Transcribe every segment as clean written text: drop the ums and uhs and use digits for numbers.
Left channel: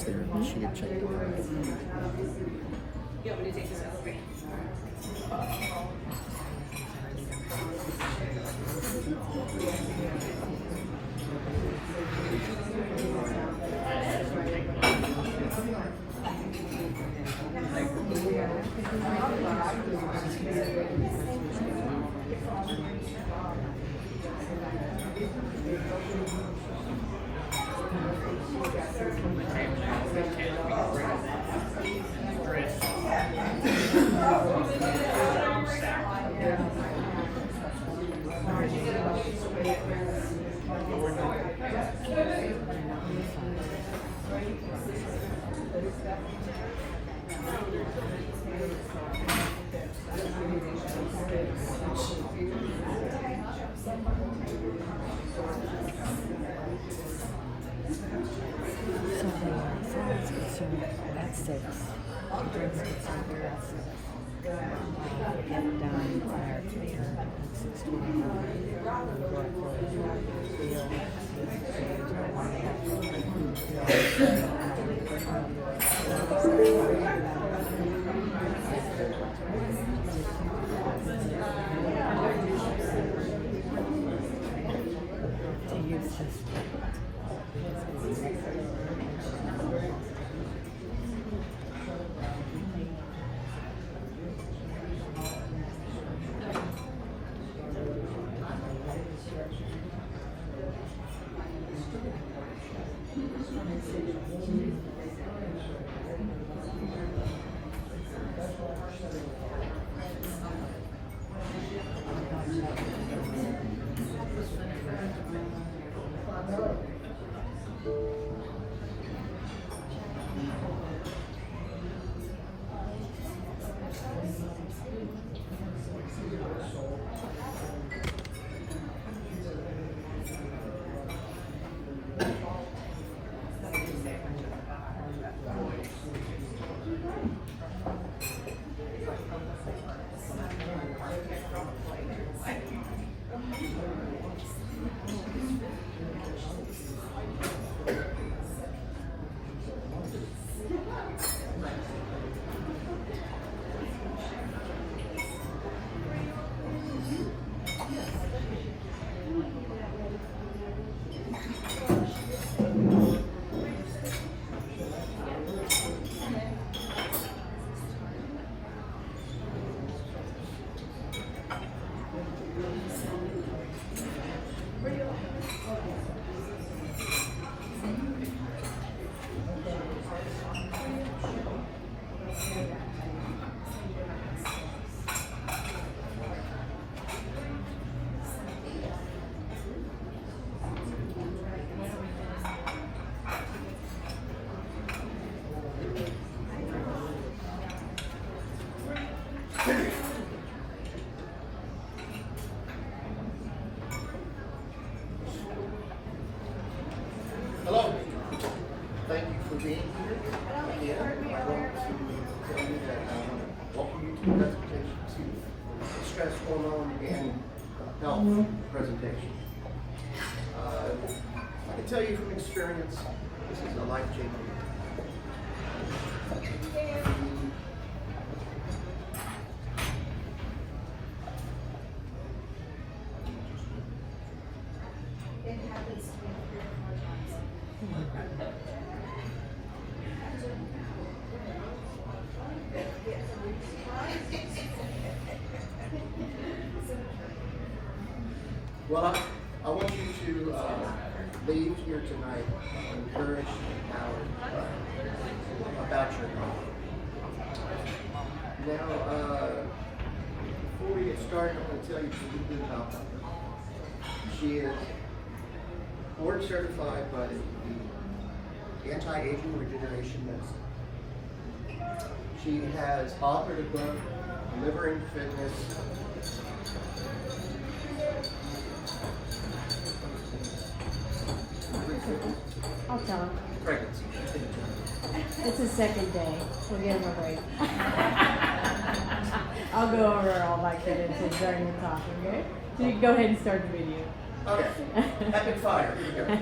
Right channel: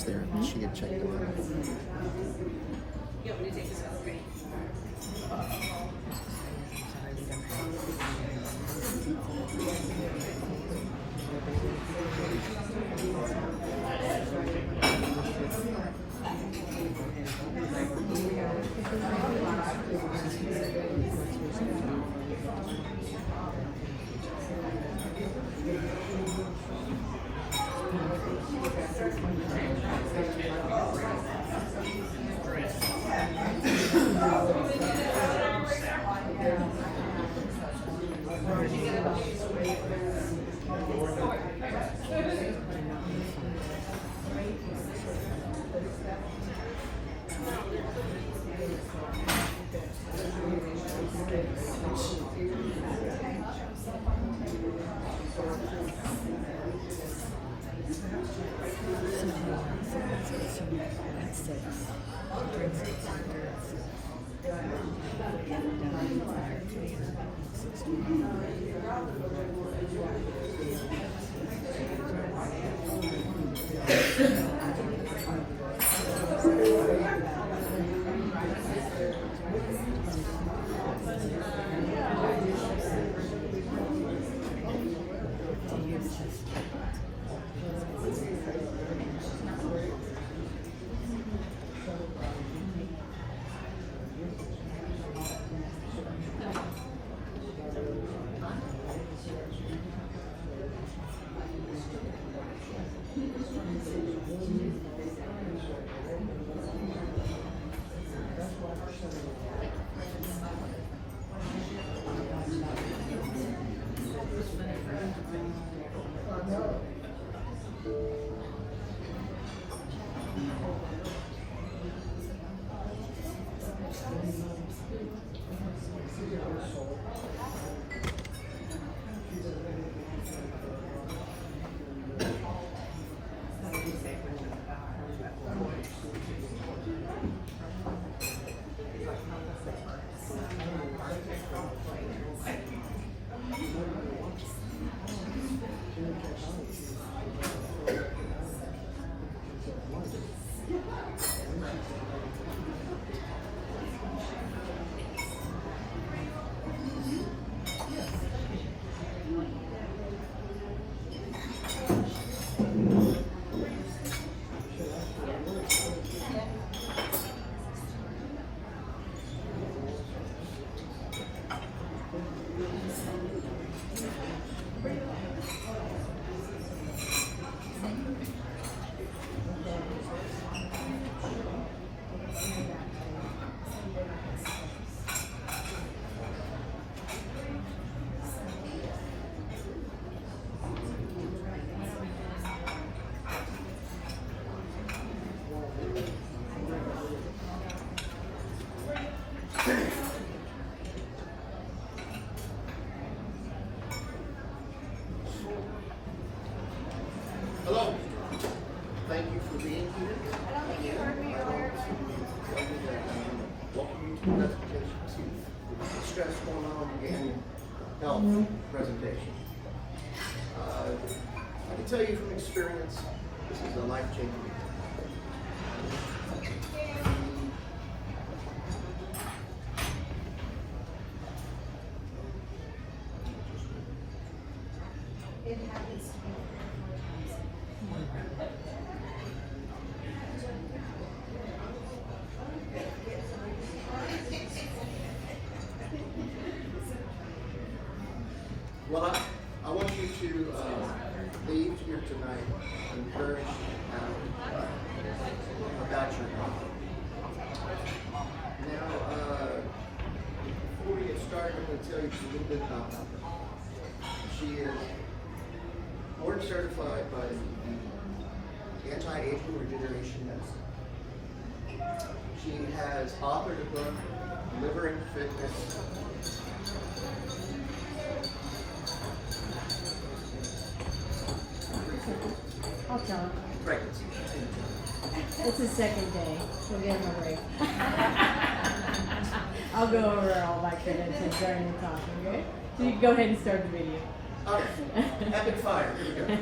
labs there. She had checked them out. Yeah, but it takes us out. Hello. Thank you for being here. Again, I want to tell you that I want to welcome you to the presentation to the stress hormone and health presentation. I can tell you from experience, this is a life-changing. It happens to me 3 or 4 times. Well, I want you to leave here tonight encouraged, empowered about your mom. Now, before we get started, I'm going to tell you just a little bit about her. She is board certified by the Anti-Aging Regeneration Medicine. She has authored a book, Delivering Fitness. I'll talk. Pregnancy. It's the second day. We're getting a break. I'll go over all my credentials during the talk, okay? So you can go ahead and start the video. Okay. Epic fire. Here we go.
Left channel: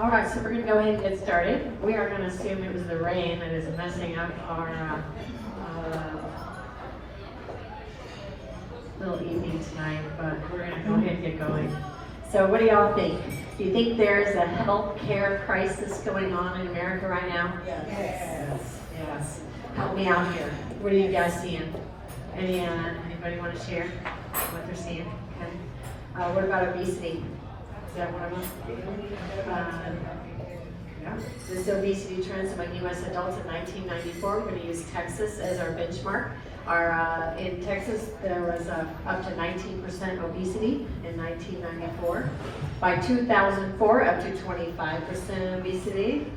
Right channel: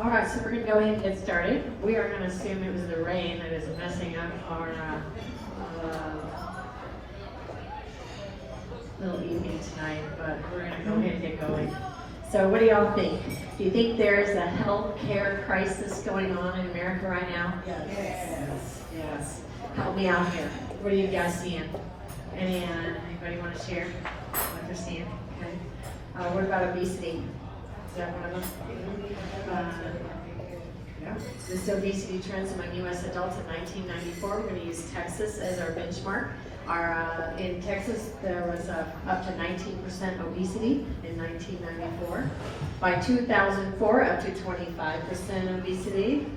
All right, so we're going to go ahead and get started. We are going to assume it was the rain that is messing up our little evening tonight, but we're going to go ahead and get going. So what do y'all think? Do you think there's a health care crisis going on in America right now? Yes. Help me out here. What are you guys seeing? Anybody want to share what they're seeing? Okay. What about obesity? Is that one of them? Yeah. This obesity trends among U.S. adults in 1994. We're going to use Texas as our benchmark. In Texas, there was up to 19% obesity in 1994. By 2004, up to 25% obesity.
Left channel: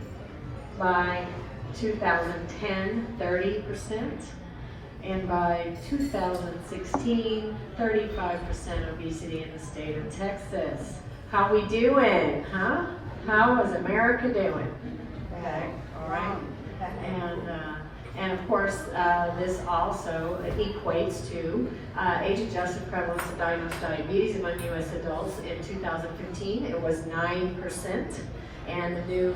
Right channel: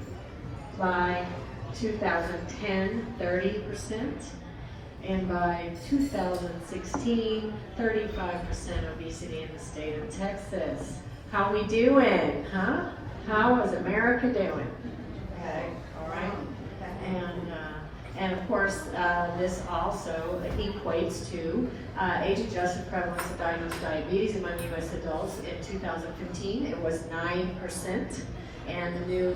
By 2010, 30%. And by 2016, 35% obesity in the state of Texas. How we doing, huh? How is America doing? Okay, all right. And of course, this also equates to age-adjusted prevalence of diagnosed diabetes among U.S. adults. In 2015, it was 9%. And the new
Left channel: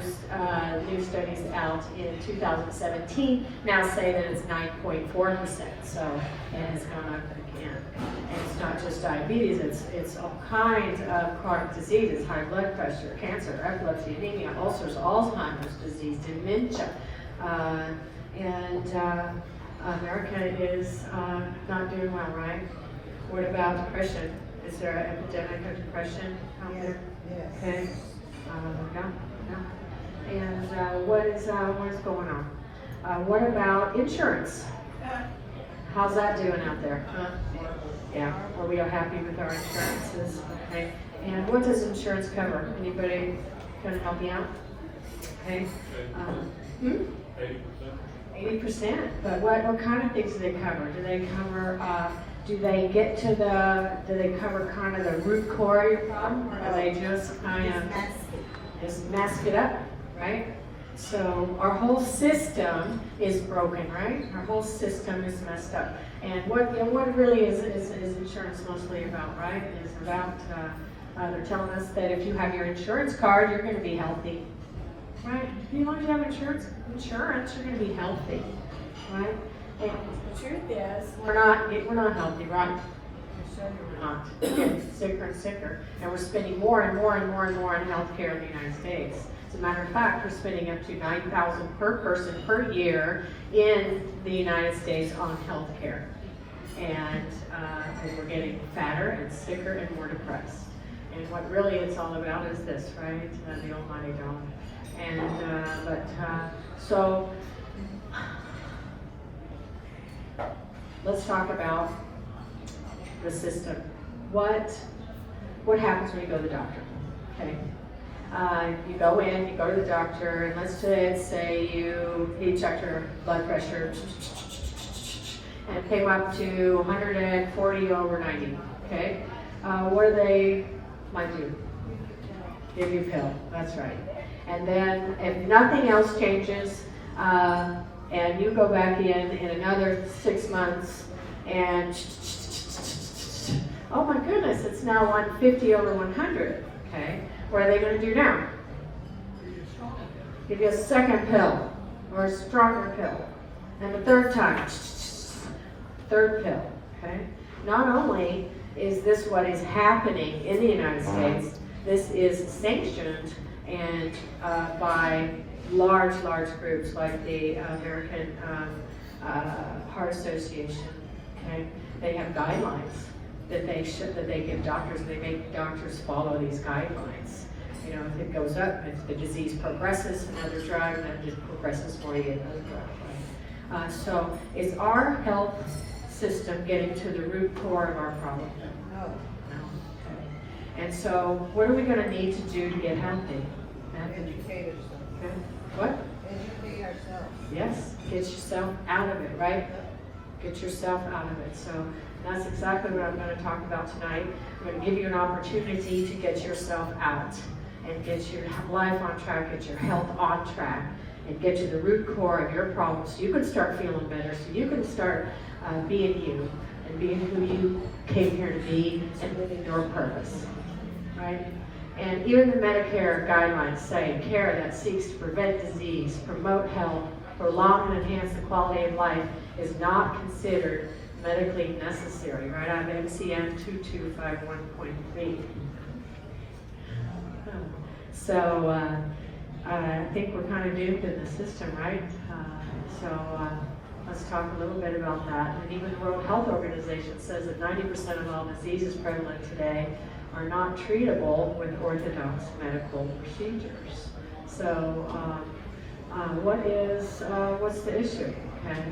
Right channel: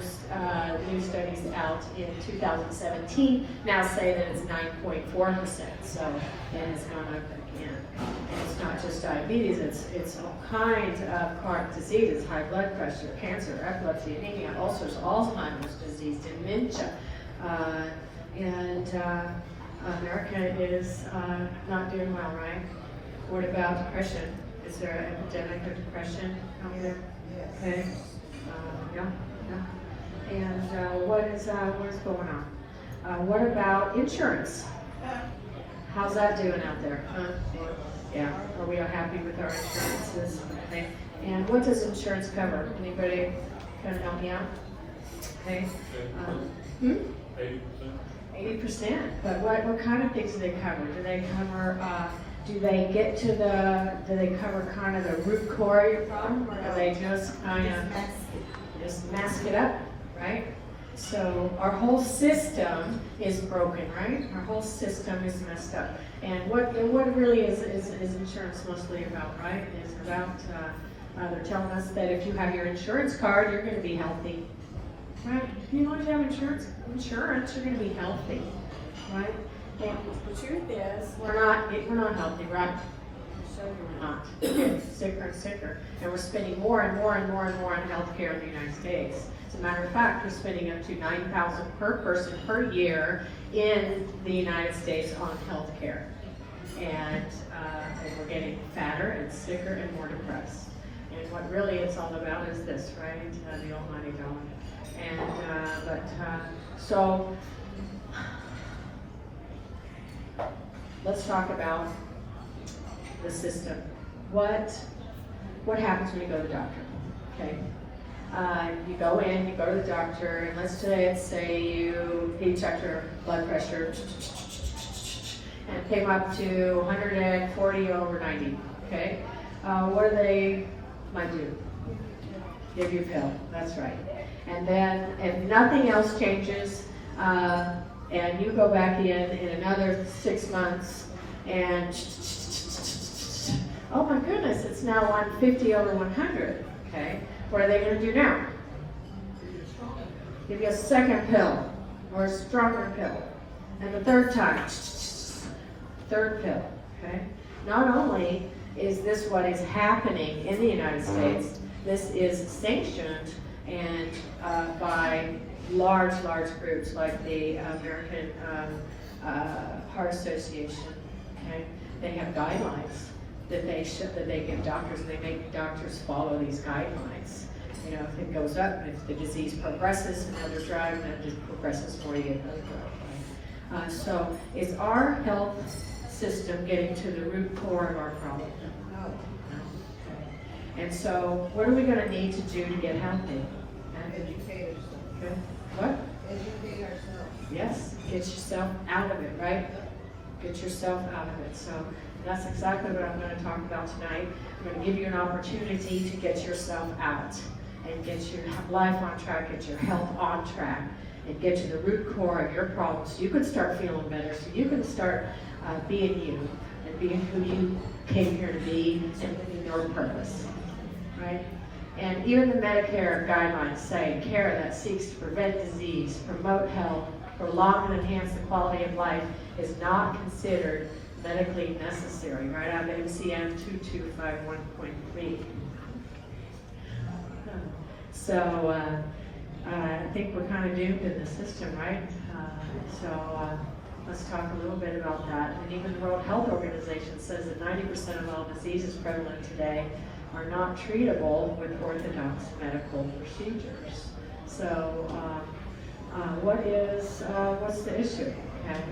studies out in 2017 now say that it's 9.4%. So it has gone up again. And it's not just diabetes, it's all kinds of chronic diseases, high blood pressure, cancer, epilepsy, anemia, ulcers, Alzheimer's disease, dementia. America is not doing well, right? What about depression? Is there an epidemic of depression out there? Yes. Okay. Yeah. And what is going on? What about insurance? How's that doing out there? Huh? Yeah. Are we happy with our insurances? Okay. And what does insurance cover? Anybody can help me out? Okay. 80%. But what kind of things do they cover? Do they cover? Do they get to do they cover kind of the root core of your problem, or do they just kind of just mask it up, right? So our whole system is broken, right? Our whole system is messed up. And what really is insurance mostly about, right? It is about, they're telling us that if you have your insurance card, you're going to be healthy, right? As long as you have insurance, you're going to be healthy, right? And the truth is, we're not healthy, right? We're not. We're getting sicker and sicker, and we're spending more and more and more and more on healthcare in the United States. As a matter of fact, we're spending up to $9,000 per person per year in the United States on healthcare, and we're getting fatter and sicker and more depressed. And what really it's all about is this, right? The almighty dollar. And so let's talk about the system. What happens when you go to the doctor? Okay, you go in, you go to the doctor, and let's say he checked your blood pressure, and it came up to 140 over 90. Okay, what do they might do? Give you a pill. That's right. And then if nothing else changes, and you go back in another 6 months, and oh my goodness, it's now 150 over 100. Okay, what are they going to do now? Give you a second pill or a stronger pill. And the third time, third pill, okay? Not only is this what is happening in the United States, this is sanctioned and by large groups like the American Heart Association, okay? They have guidelines that they give doctors, and they make doctors follow these guidelines. You know, if it goes up, if the disease progresses, another drug, then it just progresses for you, another drug, right? So is our health system getting to the root core of our problem? No. Okay. And so what are we going to need to do to get healthy? Educate ourselves. Okay. What? Educate ourselves. Yes, get yourself out of it, right? Get yourself out of it. So that's exactly what I'm going to talk about tonight. I'm going to give you an opportunity to get yourself out and get your life on track, get your health on track, and get to the root core of your problems so you can start feeling better, so you can start being you and being who you came here to be and living your purpose, right? And even the Medicare guidelines say care that seeks to prevent disease, promote health, prolong and enhance the quality of life is not considered medically necessary, right out of MCM 2251.3. So I think we're kind of doomed in the system, right? Let's talk a little bit about that. And even the World Health Organization says that 90% of all diseases prevalent today are not treatable with orthodox medical procedures. So what's the issue? Okay,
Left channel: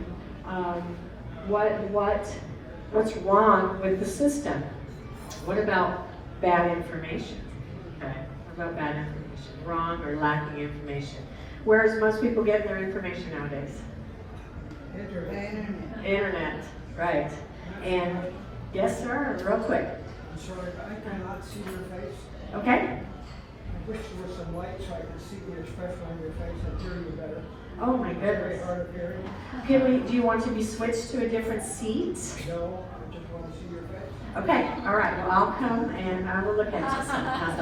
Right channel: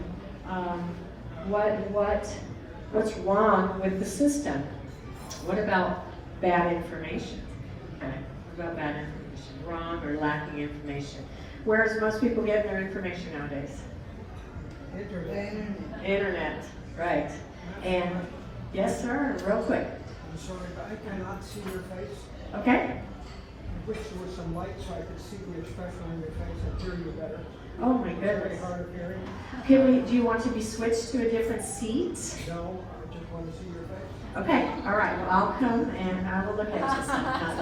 what's wrong with the system? What about bad information? Okay, what about bad information? Wrong or lacking information? Where does most people get their information nowadays? Internet, right. And yes, sir, real quick. I'm sorry, but I cannot see your face. Okay. I wish there was some light so I could see the expression on your face and hear you better. Oh my It's very goodness. hard of hearing. Do you want to be switched to a different seat? No, I just want to see your face. Okay, all right, well, I'll come and I will look at you sometime.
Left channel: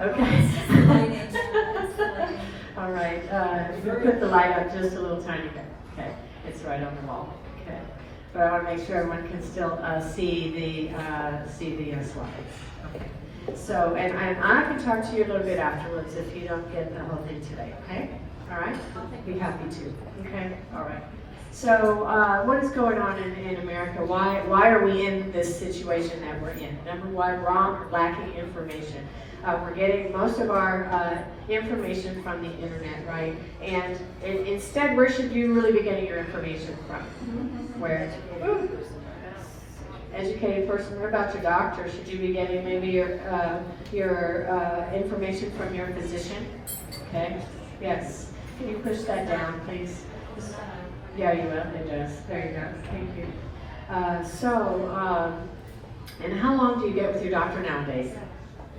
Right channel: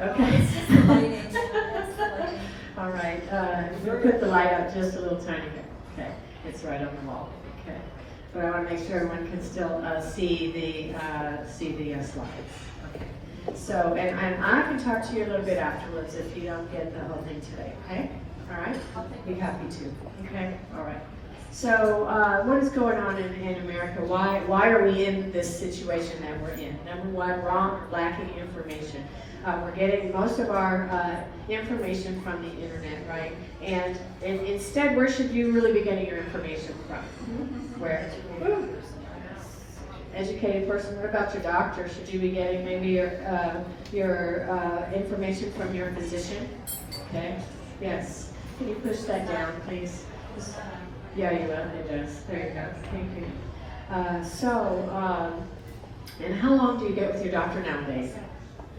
Okay. All right, you put the light up just a little tiny bit. Okay, it's right on the wall. Okay, but I want to make sure everyone can still see the slides. Okay. So, and I can talk to you a little bit afterwards if you don't get the whole thing today. Okay, all right. Be happy to. Okay, all right. So, what is going on in America? Why are we in this situation that we're in? Number one, wrong or lacking information. We're getting most of our information from the internet, right? And instead, where should you really be getting your information from? Where? Educated person. What about your doctor? Should you be getting maybe your information from your physician? Okay. Yes. Can you push that down, please? Yeah, you will. It does. There you go. Thank you. And how long do you get with your doctor nowadays?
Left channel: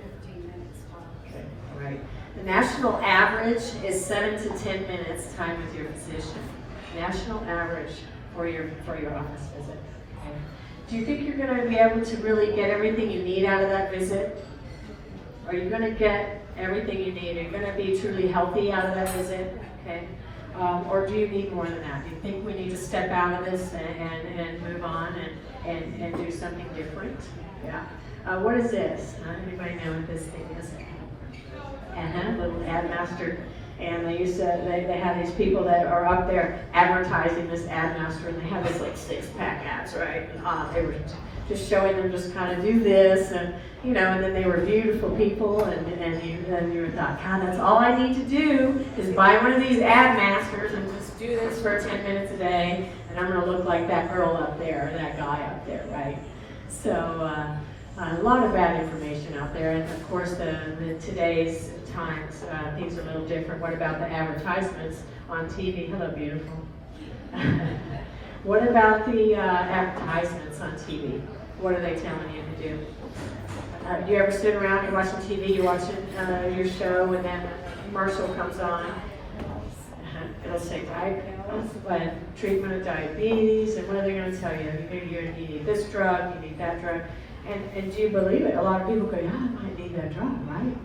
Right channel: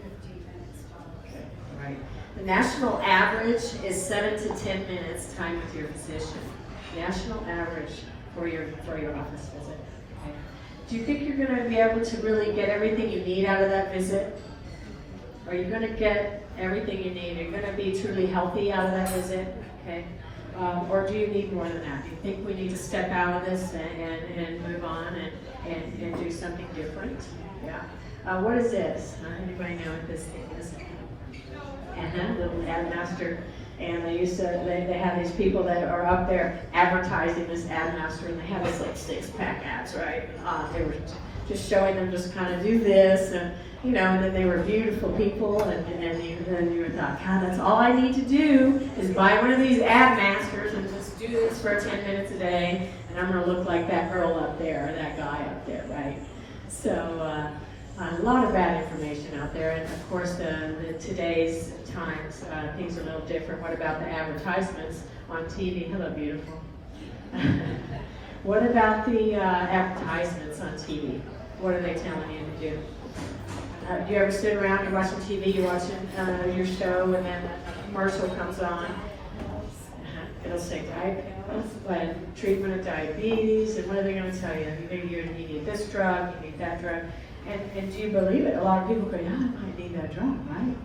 15 minutes. Okay, all right. The national average is 7 to 10 minutes time with your physician. National average for your office visit. Okay. Do you think you're going to be able to really get everything you need out of that visit? Are you going to get everything you need? Are you going to be truly healthy out of that visit? Okay. Or do you need more than that? Do you think we need to step out of this and move on and do something different? Yeah. What is this? Anybody know what this thing is? Little ad master. And they have these people that are up there advertising this ad master, and they have this like 6-pack ads, right? They were just showing them just kind of do this, and and then they were beautiful people, and you thought, God, that's all I need to do is buy one of these ad masters and just do this for 10 minutes a day, and I'm going to look like that girl up there, or that guy up there, right? So a lot of bad information out there, and of course the today's times things are a little different. What about the advertisements on TV? Hello, beautiful. What about the advertisements on TV? What are they telling you to do? Do you ever sit around, you're watching TV, you're watching your show, and then a commercial comes on? It'll say treatment of diabetes, and what are they going to tell you? You need this drug, you need that drug. And do you believe it? A lot of people go, I might need that drug, right?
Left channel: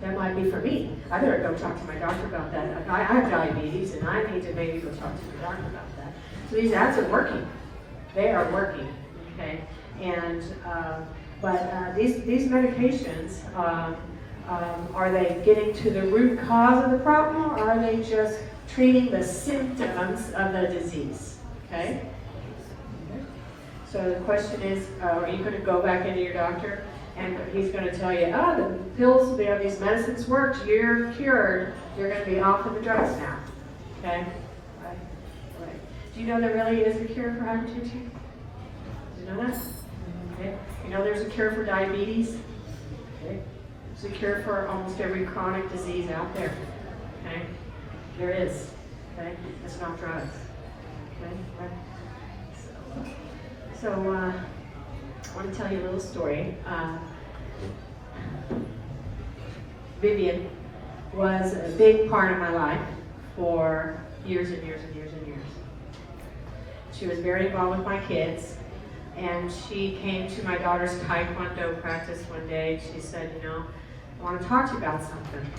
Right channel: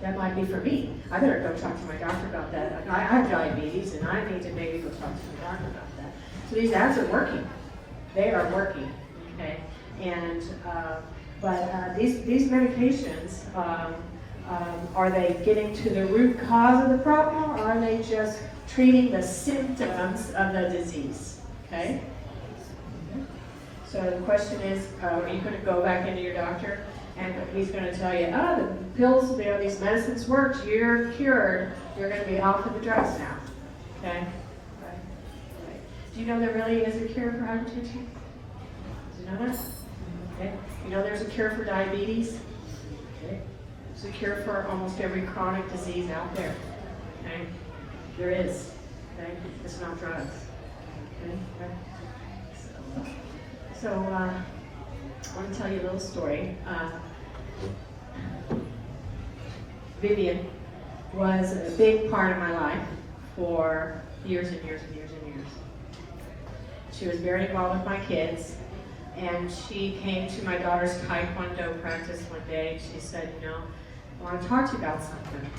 That might might be for me. I better go talk to my doctor about that. I have diabetes and I need to maybe go talk to my doctor about that. So these ads are working. They are working, okay? And, these medications, are they getting to the root cause of the problem, or are they just treating the symptoms of the disease, okay? So the question is, are you going to go back into your doctor and he's going to tell you, the pills, these medicines worked, you're cured, you're going to be off of the drugs now, okay? Right. Do you know there really is a cure for hypertension? Do you know that? Okay. You know there's a cure for diabetes? Okay. There's a cure for almost every chronic disease out there. Okay? There is. Okay? It's not drugs. Okay? Right? So I want to tell you a little story. Vivian was a big part of my life for years and years and years and years. She was very involved with my kids, and she came to my daughter's Taekwondo practice one day. She said, you know, I want to talk to you about something.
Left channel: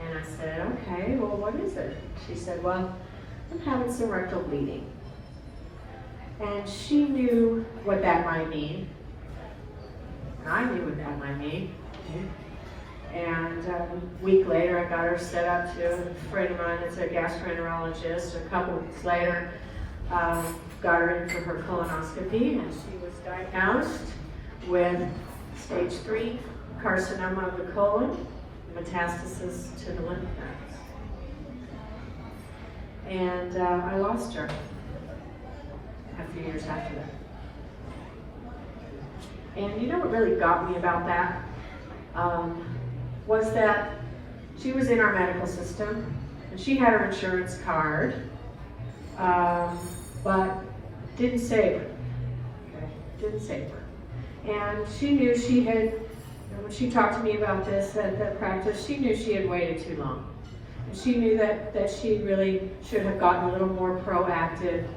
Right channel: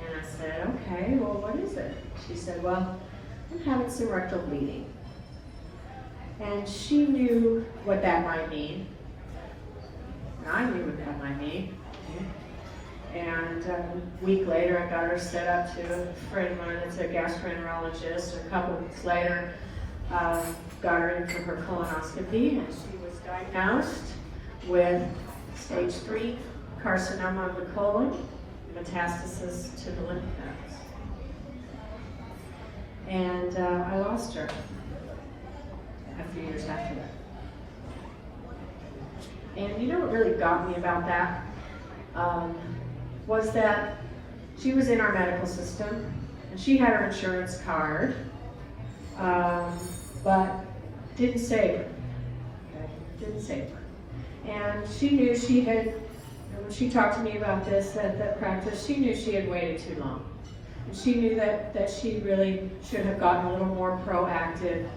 And I said, okay, well, what is it? She said, well, I'm having some rectal bleeding. And she knew what that might mean. And I knew what that might mean. And a week later, I got her set up to a friend of mine that's a gastroenterologist. A couple weeks later, got her in for her colonoscopy, and she was diagnosed with stage 3 carcinoma of the colon, metastasis to the lymph nodes. And I lost her a few years after that. And you know what really got me about that? Was that she was in our medical system, and she had her insurance card, but didn't save her. Okay? Didn't save her. And she knew she had, when she talked to me about this at that practice, she knew she had waited too long. And she knew that she really should have gotten a little more proactive,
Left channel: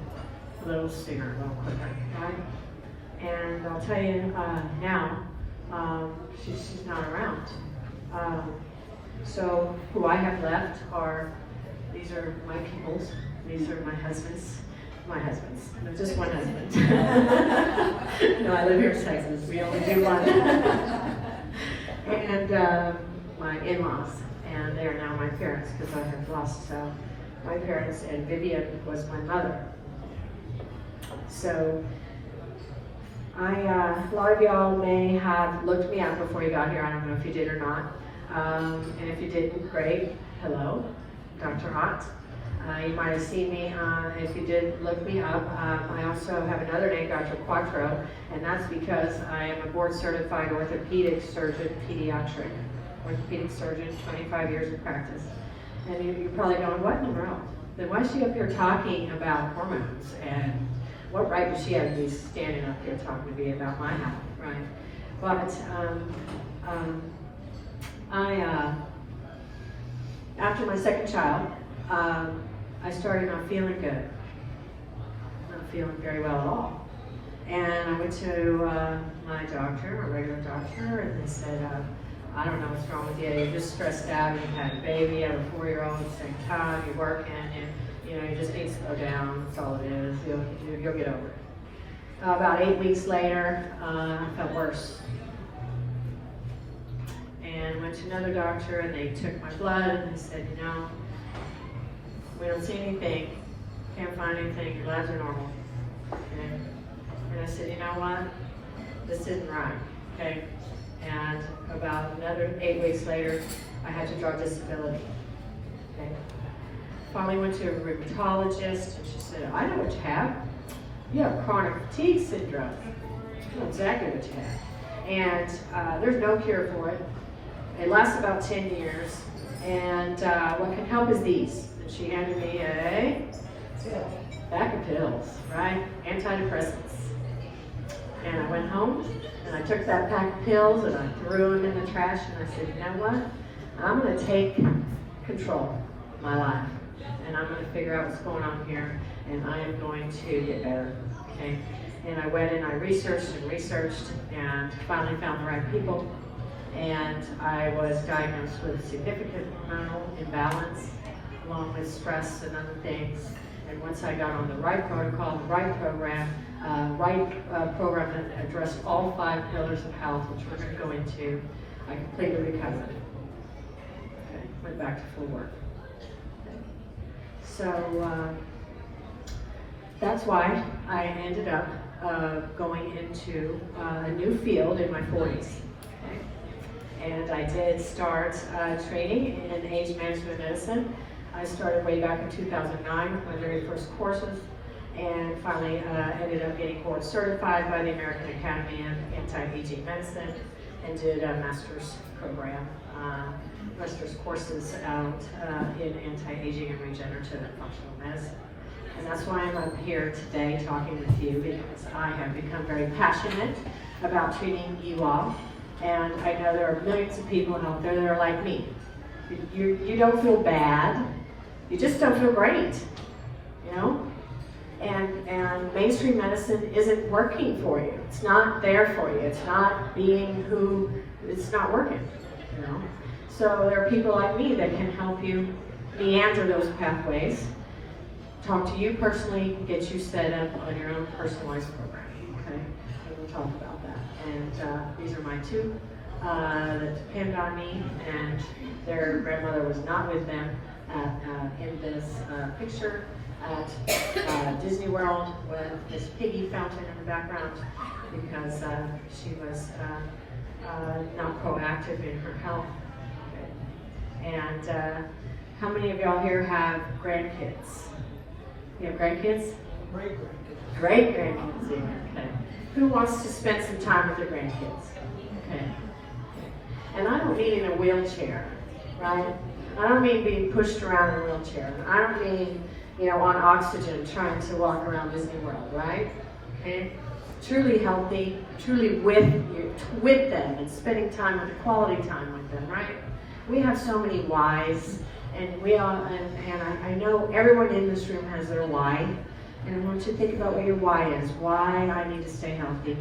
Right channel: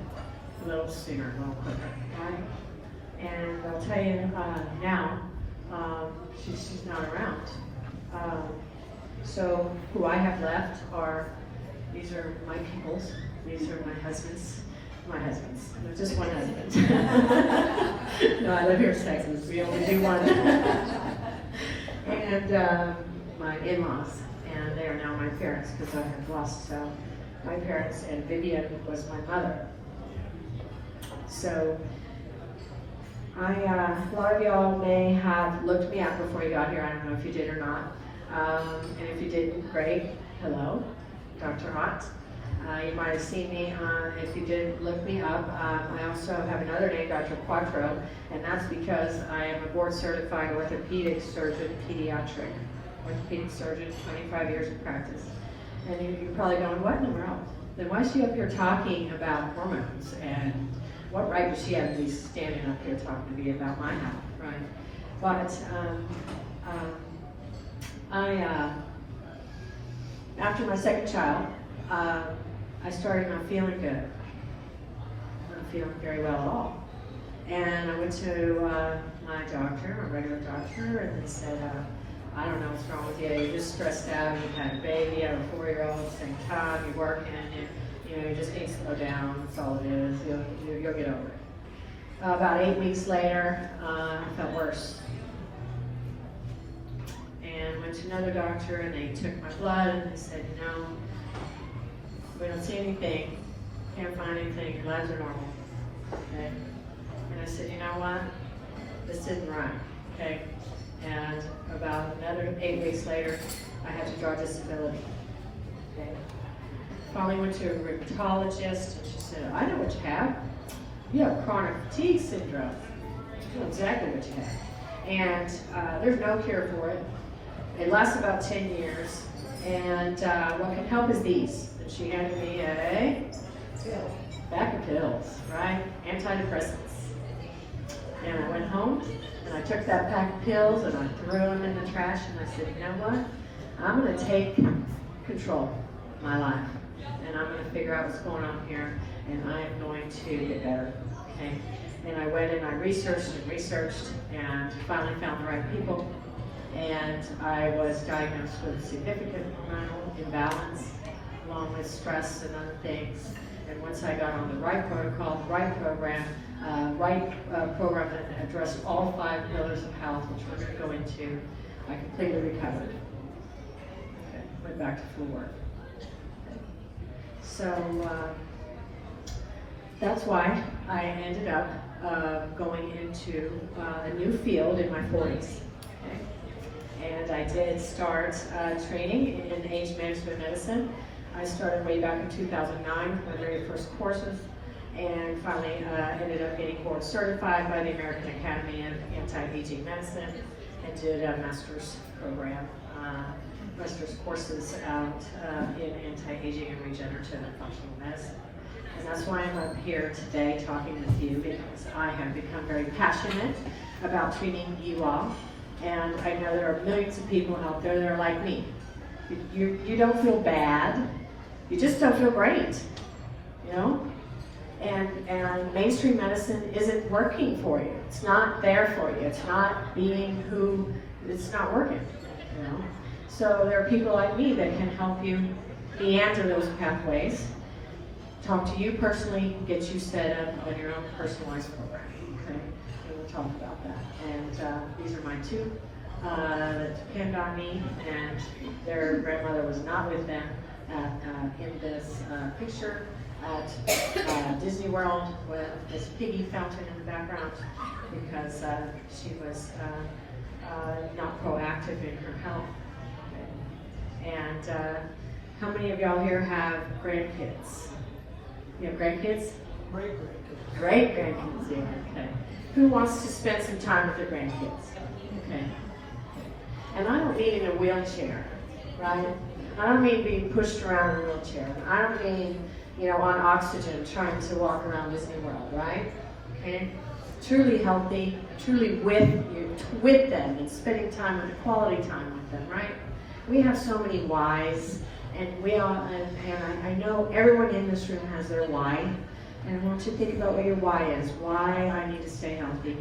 a little sooner, a little quicker, right? And I'll tell you now, she's not around. So who I have left are, these are my peoples, these are my husbands. There's just one husband. No, I live here in Texas, we only do one. And my in-laws, and they are now my parents, because I had lost my parents, and Vivian was my mother. So a lot of y'all may have looked me up before you got here. I don't know if you did or not. And if you didn't, great. Hello, Dr. Hott. You might have seen me. If you did look me up, I also have another name, Dr. Quattro, and that's because I am a board-certified orthopedic surgeon, pediatric orthopedic surgeon, 25 years of practice. And you're probably going, what in the world? Then why is she up here talking about hormones? And what right does she have to be standing up here talking to me about my health, right? But after my second child, I started not feeling good, not feeling very well at all. And I went to my doctor, my regular doctor, and they said, I don't know what's wrong with you. You're just stressed out. You had a baby, you had a 4-year-old at the same time. You're working, and you just need to slow down. That's all it is. You'll get over it. About 8 weeks later, I felt worse. And went to another doctor, and they took my blood, and they said, no, we don't see anything. Can't find anything. Your labs are normal. Okay. And I said, you know what? This isn't right. Okay. And about another 8 weeks later, I had to draw disability. Okay. Finally went to a rheumatologist, and she said, I know what you have. You have chronic fatigue syndrome. You know exactly what you have. And there's no cure for it. It lasts about 10 years. And what can help is these. And she handed me a pack of pills, right? Antidepressants. And I went home, and I took that pack of pills, and I threw them in the trash, and I said, you know what? I'm going to take control of my life, and I'm going to figure out what's going on here, and I am going to get better, okay? And I went and I researched and finally found the right people, and and I was diagnosed with significant hormonal imbalance, along with stress and other things. And once I got on the right protocol, the right program, program that addressed all 5 pillars of health, which we're going to go into, I completely recovered. Okay, went back to full work. Okay. So that's why I ended up going into a new field in my 40s. Okay. And I did start training in age management medicine. I started way back in 2009 with my very first courses, and finally ended up getting board certified by the American Academy of Anti-Aging Medicine, and did a master's program, master's courses out in anti-aging and regenerative and functional medicine. And that's why I'm up here today talking with you, because I have become very passionate about treating you all. And I know there are millions of people out there that are like me. You don't feel bad, you just don't feel great, you know? And mainstream medicine isn't working for you. It's not there for you. It's not being who, it's not working, you know? So there are people like me that can help you meander those pathways, talk to you personally, get you set up on your own personalized program, okay? And we'll talk about that. And these are my 2 that depend on me, and their grandmother was not with them in this picture at Disney World with this piggy fountain in the background, because she was not proactive in her health. Okay. And how many of y'all here have grandkids? You have grandkids? Great-grandkids. Great-grandkids, yeah, okay. Who wants to spend some time with their grandkids? Okay. And I don't mean in a wheelchair, right? I don't mean being pushed around in a wheelchair. I don't mean, you know, on oxygen trying to walk around Disney World, right? Okay? Truly healthy, truly with them, and spending time with quality time with them, right? We have so many whys, and we all, and I know everyone in this room has their why. And I want you to think about what your why is. Why I need to stay healthy.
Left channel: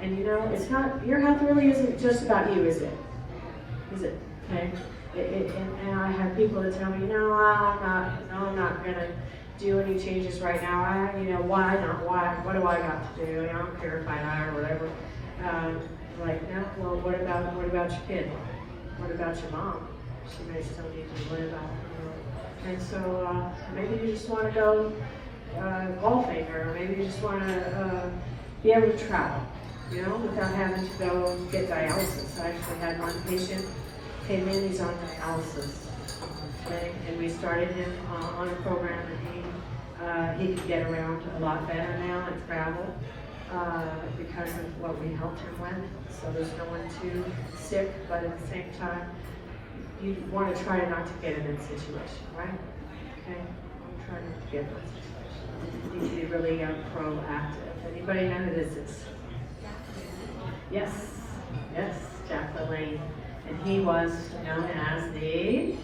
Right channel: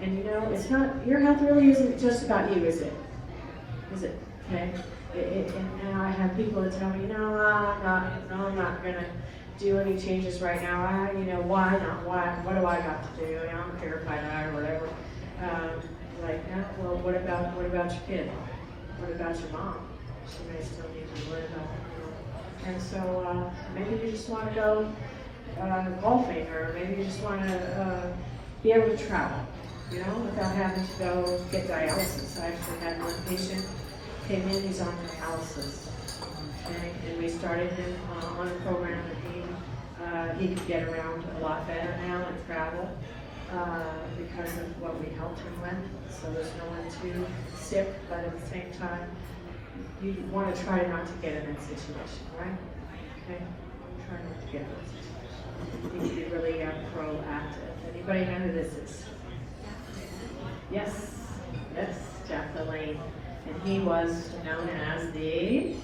And you know, it's not, your health really isn't just about you, is it? Is it? Okay? And I have people that tell me, no, I'm not gonna do any changes right now. You know, why not? Why? What do I got to do? I don't care if I die or whatever. Like, yeah, well, what about your kid? What about your mom? She may still need to be worried about, you know. And so maybe you just want to go golfing, or maybe you just want to be able to travel, you know, without having to go get dialysis. I actually had one patient came in, he's on dialysis, okay? And we started him on a program, and he could get around a lot better now and travel because of what we helped him with. So there's no one too sick, but at the same time, you want to try not to get in that situation, right? Okay? Try not to get in that situation. You need to be really proactive. Anybody know who this is? Yes, Jacqueline Lane. And he was known as the,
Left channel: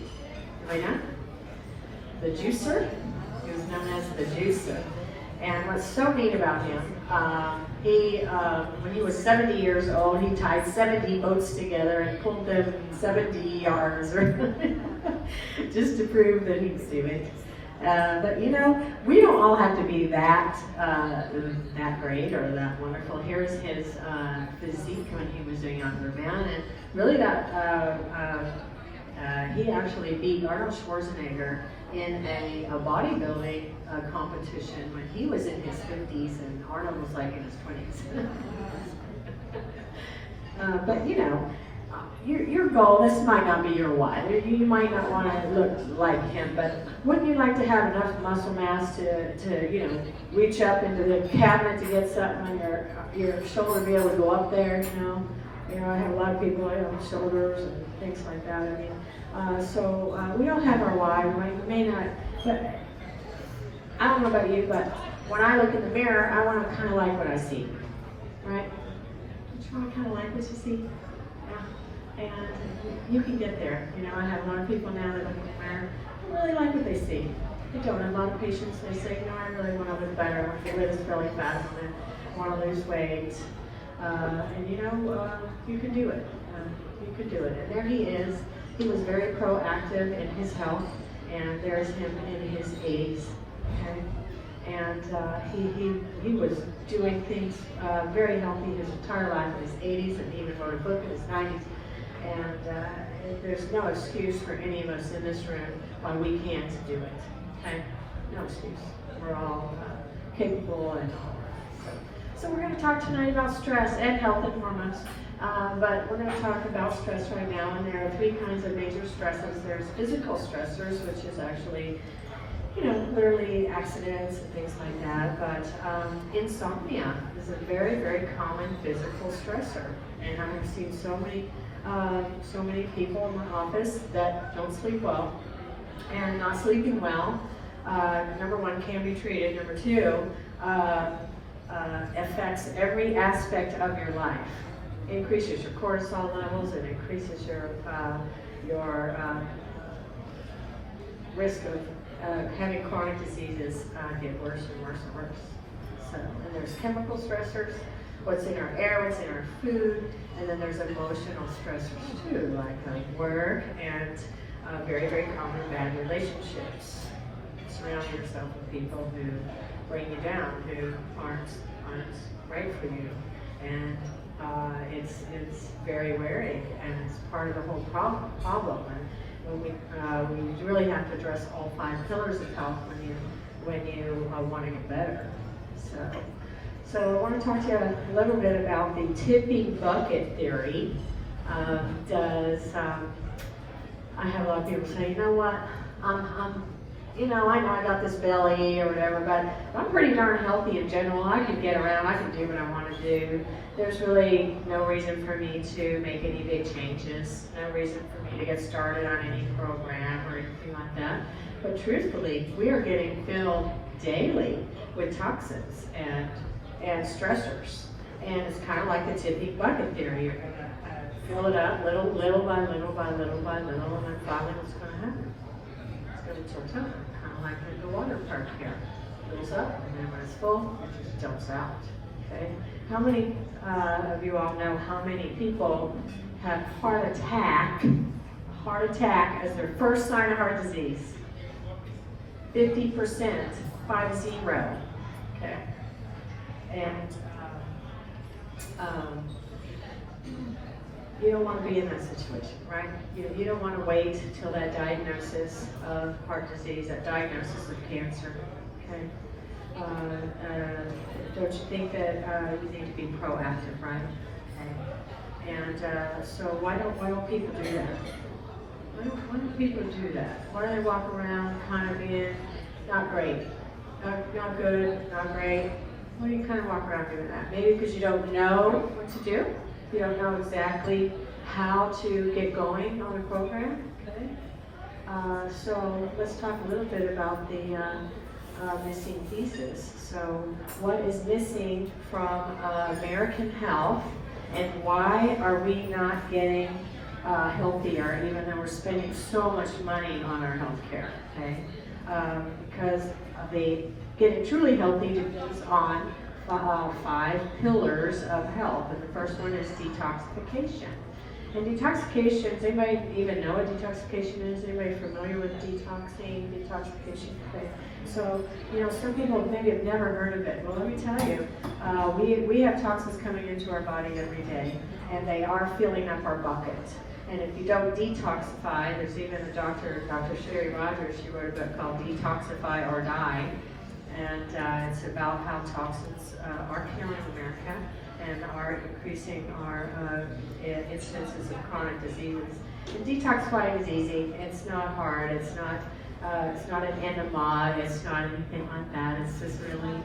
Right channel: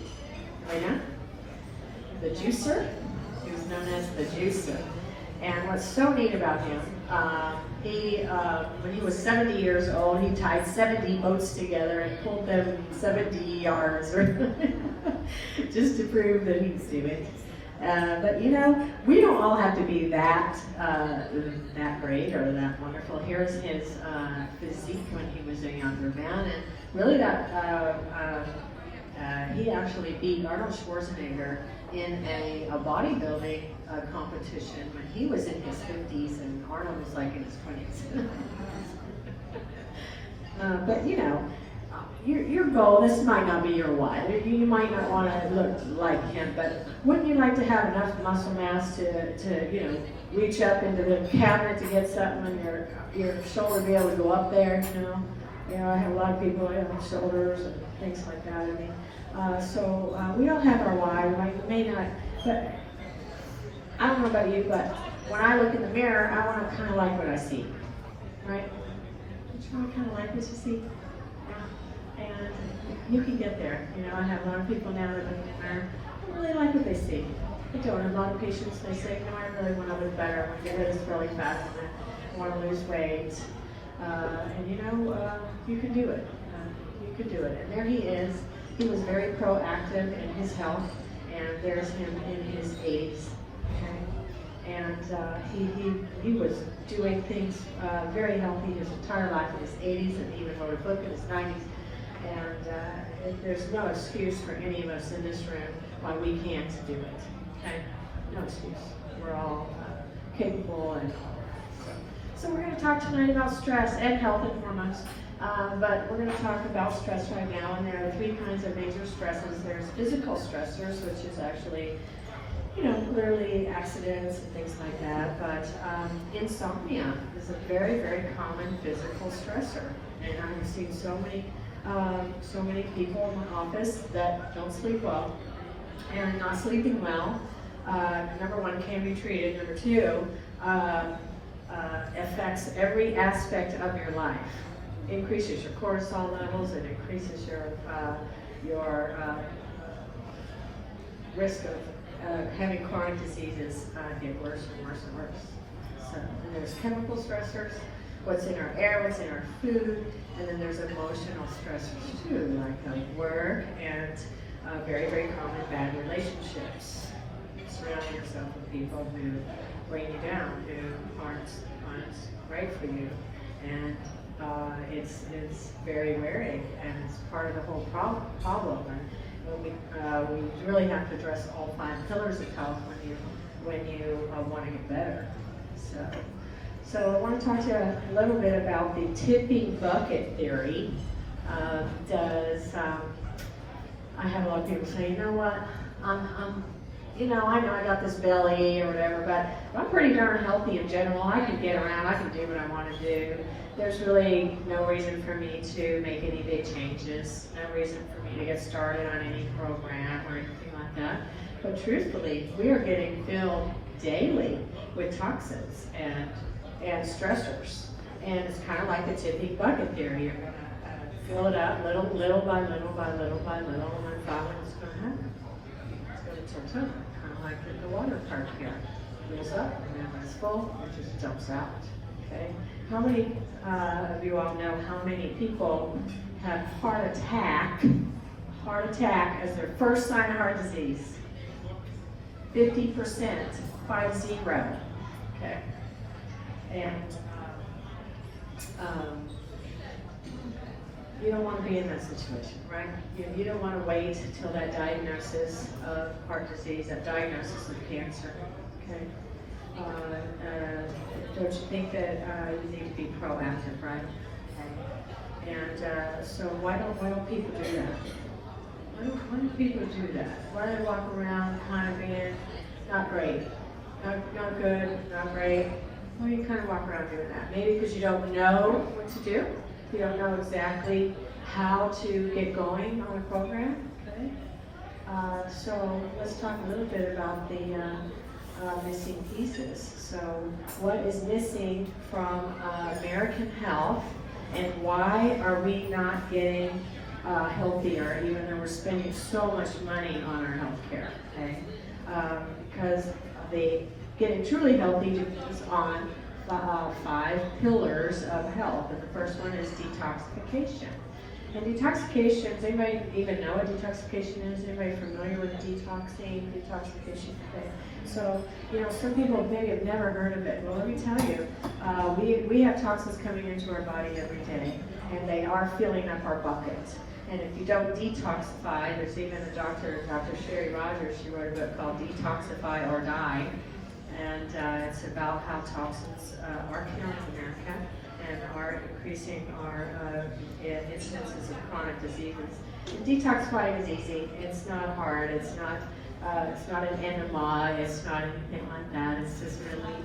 the juicer. He was known as the juicer. And what's so neat about him, when he was 70 years old, he tied 70 boats together and pulled them 70 yards, just to prove that he could do it. But you know, we don't all have to be that great or that wonderful. Here's his physique when he was a younger man, and really he actually beat Arnold Schwarzenegger in a bodybuilding competition when he was in his 50s and Arnold was like in his 20s. But you know, your goal, this might not be your why. You might not want to look like him, but wouldn't you like to have enough muscle mass to you know, reach up into the cabinet to get something, and your shoulder be able to go up there, you know? I have a lot of people that have shoulders and things like that. I mean, so we all have our why. We may not, but I don't know about you, but when I look in the mirror, I want to kind of like what I see, right? Don't you want to kind of like what you see? Yeah. And you can get there. You know, I have a lot of people now that look in the mirror, I really like what they see. They don't. A lot of patients, they say, you know, I really want to look better. I want to get rid of this belly fat. I want to lose weight. And you know, you can do it. You could do it. And there he is. He was very proactive in his health, and there's him in his 80s. Okay? And he was doing things very healthy his entire life in his 80s, and even wrote a book in his 90s. And there's no excuse for any of us in this room why we can't do it. Okay? No excuse. We're all capable and all that. So we're going to talk tonight about stress and health and hormones. But we're going to talk about stress right now, and there are three kinds of major stresses. There's physical stressors, which is actually, clearly accidents and things like that. But insomnia is a very, very common physical stressor, and I have seen so many people in my office that don't sleep well, and not sleeping well. Number one, can be treated. Number two, affects every aspect of your life. Increases your cortisol levels, it increases your risk of having chronic diseases get worse and worse and worse. So, and there's chemical stressors, what's in our air, what's in our food, and then there's emotional stressors too, like work and very, very common bad relationships. Surround yourself with people who bring you down, who aren't right for you, and it's very wearing, and it's part of the whole problem. And we really have to address all 5 pillars of health when you want to get better. So I want to talk to you a little bit about the tipping bucket theory. I have a lot of people say, you know what, I know I got this belly or whatever, but I'm pretty darn healthy in general. I can get around, I can do what I want to do. There's really no reason for me to make any big changes, no reason for me to get started on any program or anything like that. But truthfully, we are getting filled daily with toxins and stressors. And it's kind of like the tipping bucket theory. You're going to fill it up little by little by little by little, and then finally what's going to happen? It's going to tilt over, kind of like the water part here. It fills up, and then when it's full, it just dumps out. Okay? How many of you all know how many people have heart attack as their first sign of heart disease? 50%, 50. Okay? And you don't want to be in that situation, right? You don't want to wait until that diagnosis of heart disease, that diagnosis of cancer, okay? Don't you think that you need to be proactive, right? Okay. And so why don't people do that? Why don't people do that? Why do they walk around kind of being not great, not good, not great? Why do you kind of walk around doing that? Maybe because you don't know what to do. You don't know exactly how to get going on a program. Okay. So let's talk a little bit about the missing pieces. So what is missing from American health, and why are we not getting healthier, even though we're spending so much money on our health care? Okay. Because the getting truly healthy depends on 5 pillars of health, and the first one is detoxification. And detoxification, does anybody even know what detoxification is? Anybody familiar with detoxification? Okay. So, some people maybe have never heard of it. Well, let me tell you, we have toxins coming into our body every day, and they are filling up our bucket. And if you don't detoxify, there's even a Dr. Sherry Rogers, she wrote a book called Detoxify or Die. And it's about how toxins are killing America and are increasing our incidences of chronic diseases. And detoxifying is easy. It's not hard. It's not an enema. It's not anything like that. It's just really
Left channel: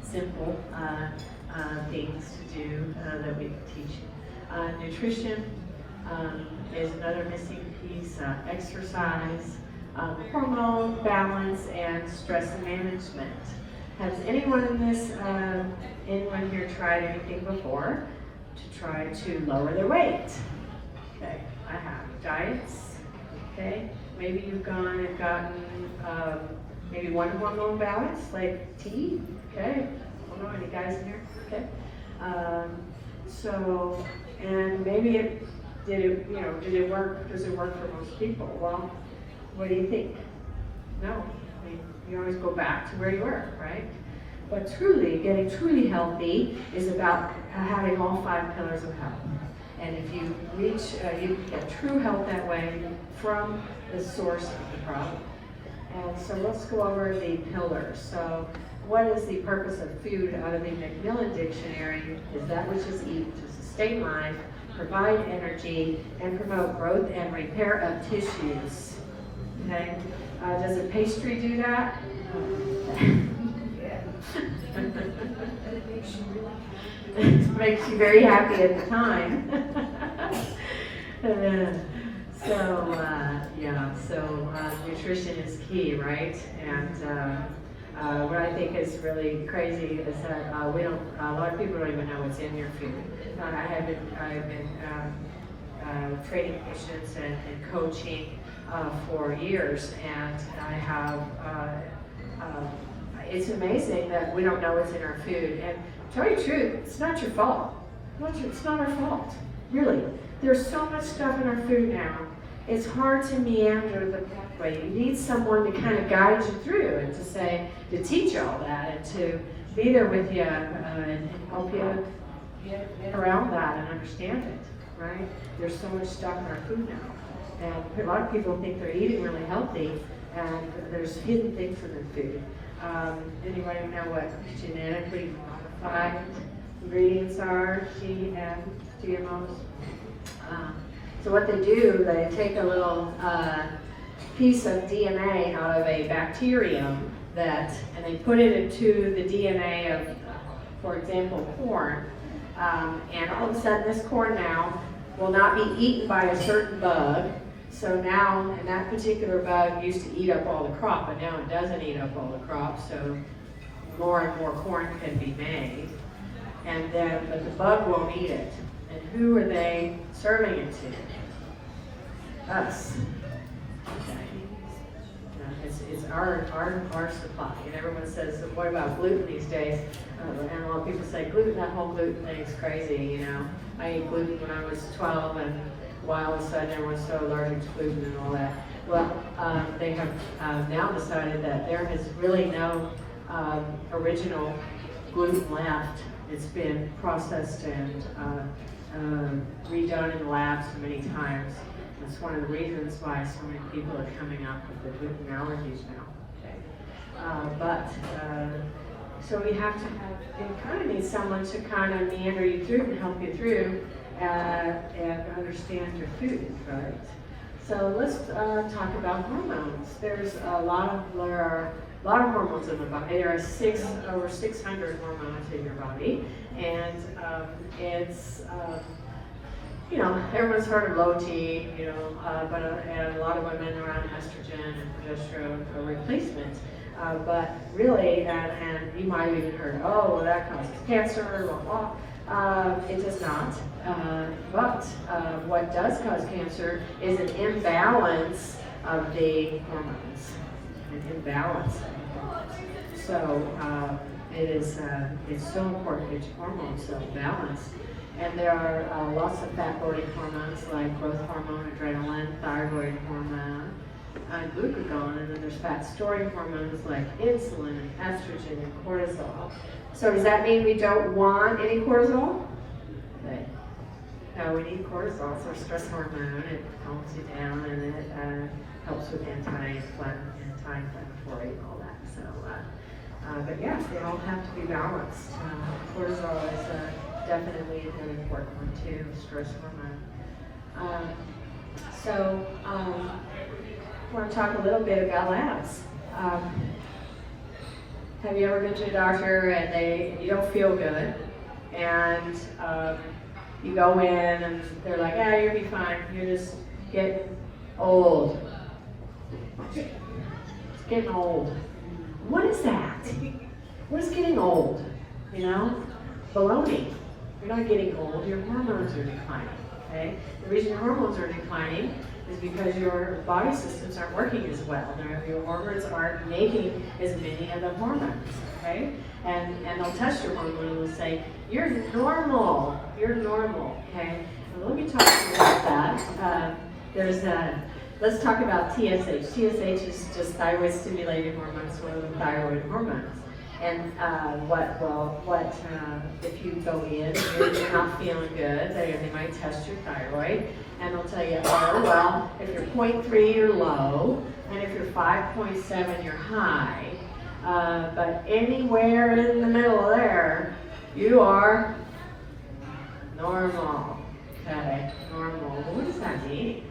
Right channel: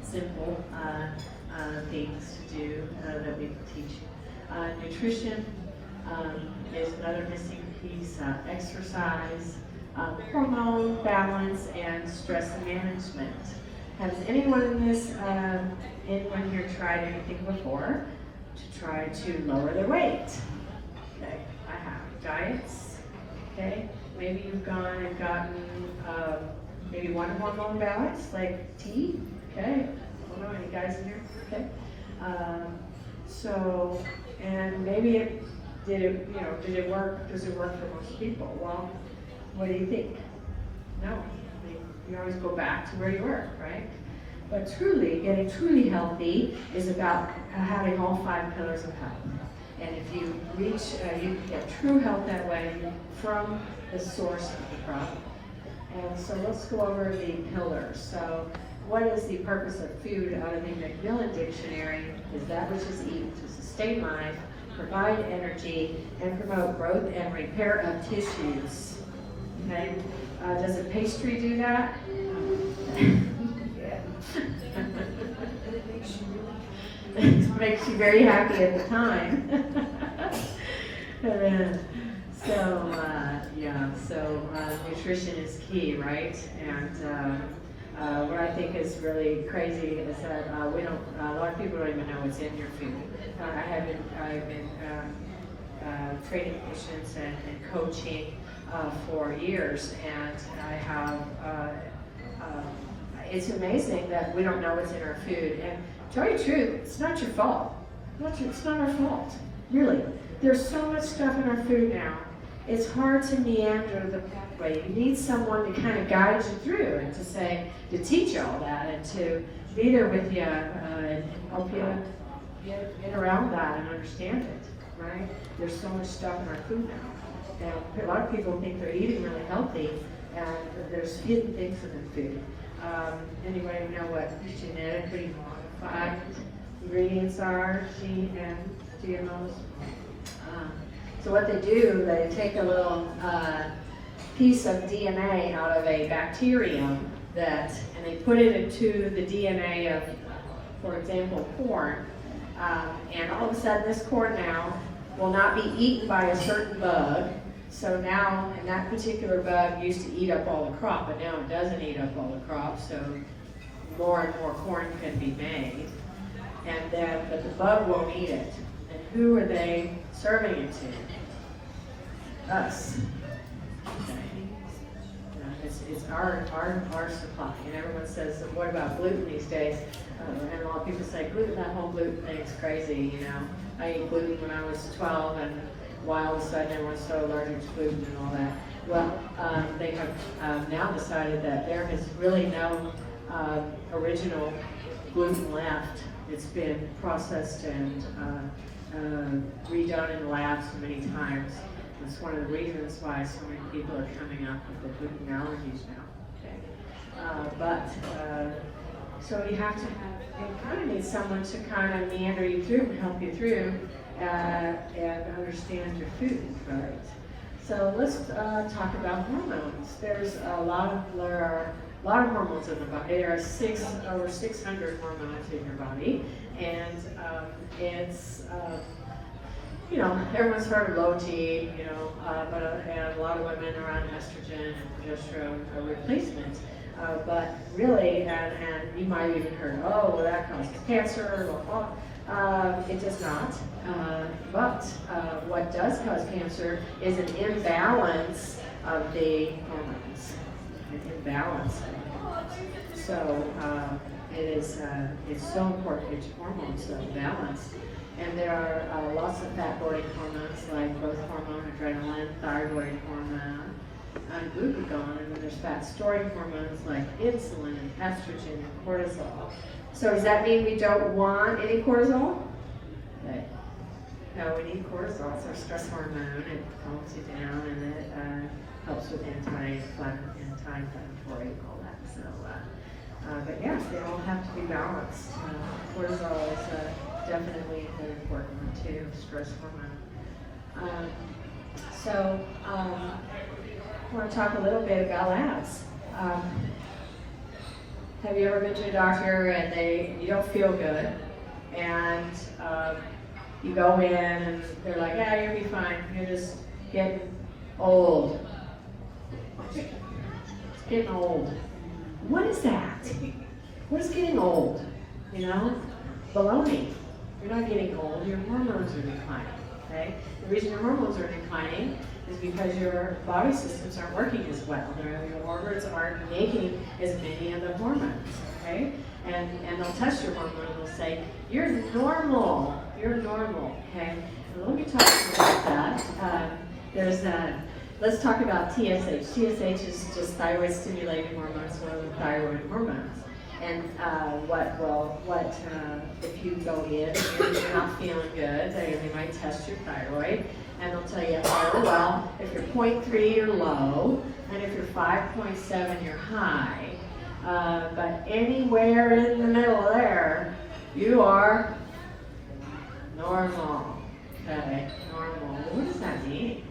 simple things to do that we can teach you. Nutrition is another missing piece. Exercise. Hormone balance and stress management. Has anyone anyone here tried anything before to try to lower their weight? Okay, I have. Diets. Okay, maybe you've gone and gotten maybe one hormone balance, like tea. Okay, I don't know any guys in here. Okay, and maybe did it work? Does it work for most people? Well, what do you think? No. I mean, you always go back to where you were, right? But truly, getting truly healthy is about having all 5 pillars of health. And if you reach, you get true health that way from the source of the problem. And so let's go over the pillars. So what is the purpose of food out of the Macmillan Dictionary? Is that which is eaten to sustain life, provide energy, and promote growth and repair of tissues. Okay? Does a pastry do that? It makes you very happy at the time. So nutrition is key, right? And what I think is really crazy is that a lot of people don't even know what's in your food. I've been training patients and coaching for years, and I have, it's amazing that we don't know what's in our food. And to tell you the truth, it's not your fault. It's not our fault, really. There's so much stuff in our food now. It's hard to meander the pathway. You need someone to kind of guide you through and to teach you all that and to be there with you and help you get around that and understand it, right? There's so much stuff in our food now. And a lot of people think they're eating really healthy, and there's hidden things in their food. Anybody know what genetically modified ingredients are? GMOs? So what they do, they take a little piece of DNA out of a bacterium and they put it into the DNA of, for example, corn. And all of a sudden this corn now will not be eaten by a certain bug. So now, and that particular bug used to eat up all the crop, but now it doesn't eat up all the crop, so more and more corn can be made. But the bug won't eat it. And who are they serving it to? Us. Okay. It's our supply. And everyone says, what about gluten these days? And a lot of people say, gluten, that whole gluten thing is crazy, you know. I ate gluten when I was 12, and why all of a sudden everyone's so allergic to gluten and all that. Well, they have now decided that there is really no original gluten left. It's been processed and redone in the lab so many times. It's one of the reasons why so many people are coming up with the gluten allergies now. So we have to you kind of need someone to kind of meander you through and help you through and understand your food, right? So let's talk about hormones. There are a lot of hormones in the body. There are over 600 hormones in your body, and it's everyone's heard of low T, but and a lot of women are on estrogen and progesterone replacement. But really, and you might have even heard, oh, well, that causes cancer, blah, blah. It does not. But what does cause cancer is an imbalance of the hormones. An imbalance of the hormones. So it's so important to get your hormones so balanced. And there are lots of fat-burning hormones like growth hormone, adrenaline, thyroid hormone, and glucagon, and then there's fat-storing hormones like insulin, estrogen, and cortisol. So does that mean we don't want any cortisol? Right. No, we need cortisol. It's our stress hormone. It calms you down, and it helps with anti-inflammatory and all that. So, but yeah, they all have to be balanced. Cortisol is definitely an important one too, stress hormone. I want to talk a little bit about labs. Have you ever been to a doctor and you don't feel good, and you go in and they're like, yeah, you'll be fine, you're just getting old. It's getting old. What is that? What is getting old? Baloney. You're not getting old, your hormones are declining, okay? The reason your hormones are declining is because your body systems aren't working as well. Your hormones aren't making as many of the hormones, okay? And they'll test your hormone and they'll say, you're normal, okay? let me talk about that. Let's talk about TSH. TSH is just thyroid stimulating hormones, one of the thyroid hormones. And if you go in and you're not feeling good, they might test your thyroid, and they'll tell you, oh, well, if you're 0.3, you're low, and if you're 5.7, you're high. But anywhere in the middle there, you are normal. Okay, normal. What does that mean?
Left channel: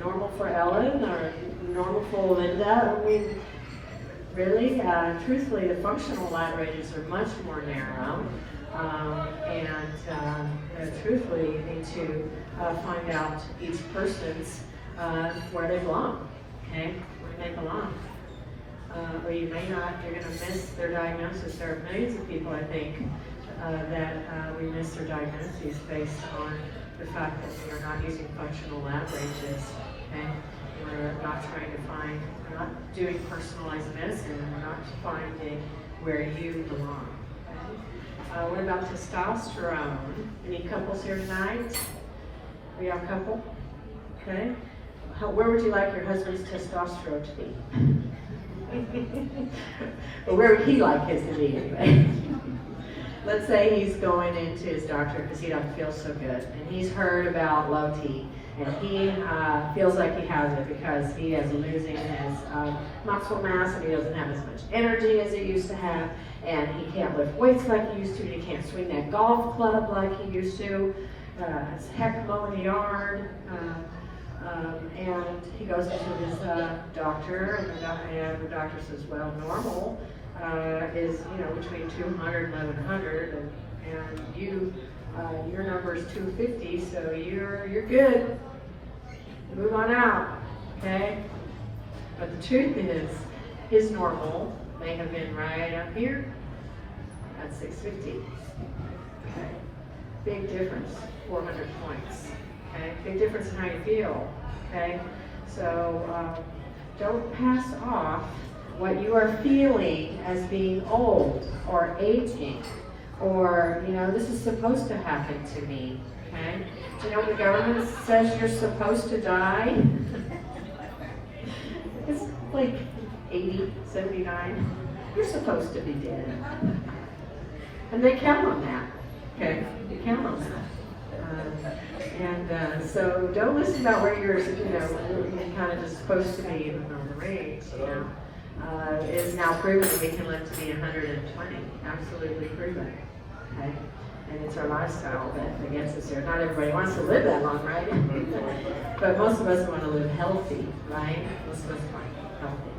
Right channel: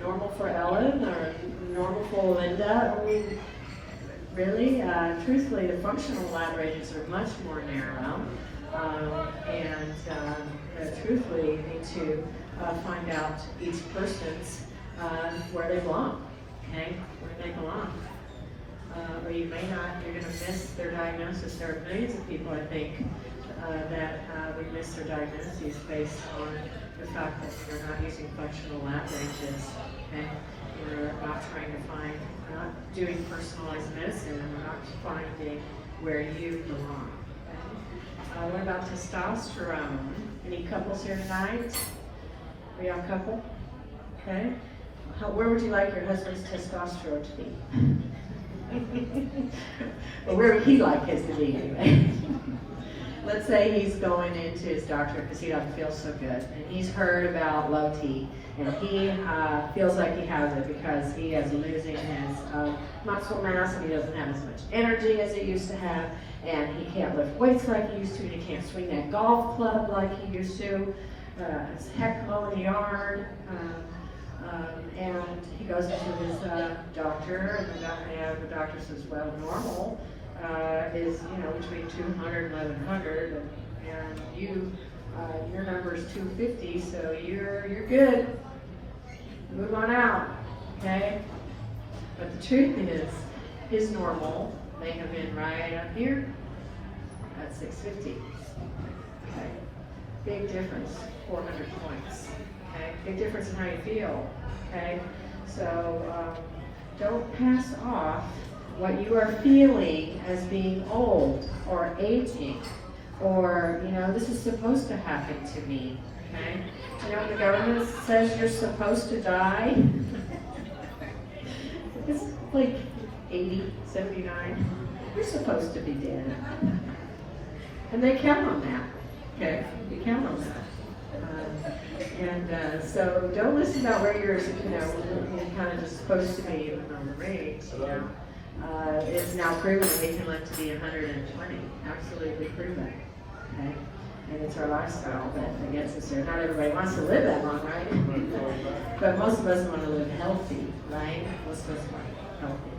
Normal for Ellen or normal for Linda? I mean, really? Truthfully, the functional lab ranges are much more narrow. Truthfully, you need to find out each person's where they belong. Okay, where they belong. Or you may not, you're going to miss their diagnosis. There are millions of people, I think, that we miss their diagnoses based on the fact that we're not using functional lab ranges. Okay? We're not trying to find, not doing personalized medicine, and we're not finding where you belong. Okay? What about testosterone? Any couples here tonight? Are you a couple? Okay. Where would you like your husband's testosterone to be? But where would he like his to be anyway? Let's say he's going into his doctor because he doesn't feel so good, and he's heard about low T, and he feels like he has it because he is losing his muscle mass, and he doesn't have as much energy as he used to have, and he can't lift weights like he used to, and he can't swing that golf club like he used to. It's heck mowing the yard. And he goes into his doctor, and the doctor says, well, normal is, between 200 and 1100, and your number is 250, so you're good. Move on out, okay? But the truth is, his normal may have been right up here at 650. Okay, big difference, 400 points. Okay, big difference in how you feel. Okay, so don't pass off what you are feeling as being old or aging, or this is supposed to happen to me. Okay, do you know what the government says you're supposed to die? It's like 80, 79. You're supposed to be dead, and they count on that. Okay, they count on that. So don't listen about where you're, kind of just supposed to be even on the range. It is now proven that we can live to be 120. Absolutely proven. Okay, and it's our lifestyle that gets us there. Not everybody wants to live that long, right? But most of us want to live healthy, right? Most of us want to live healthy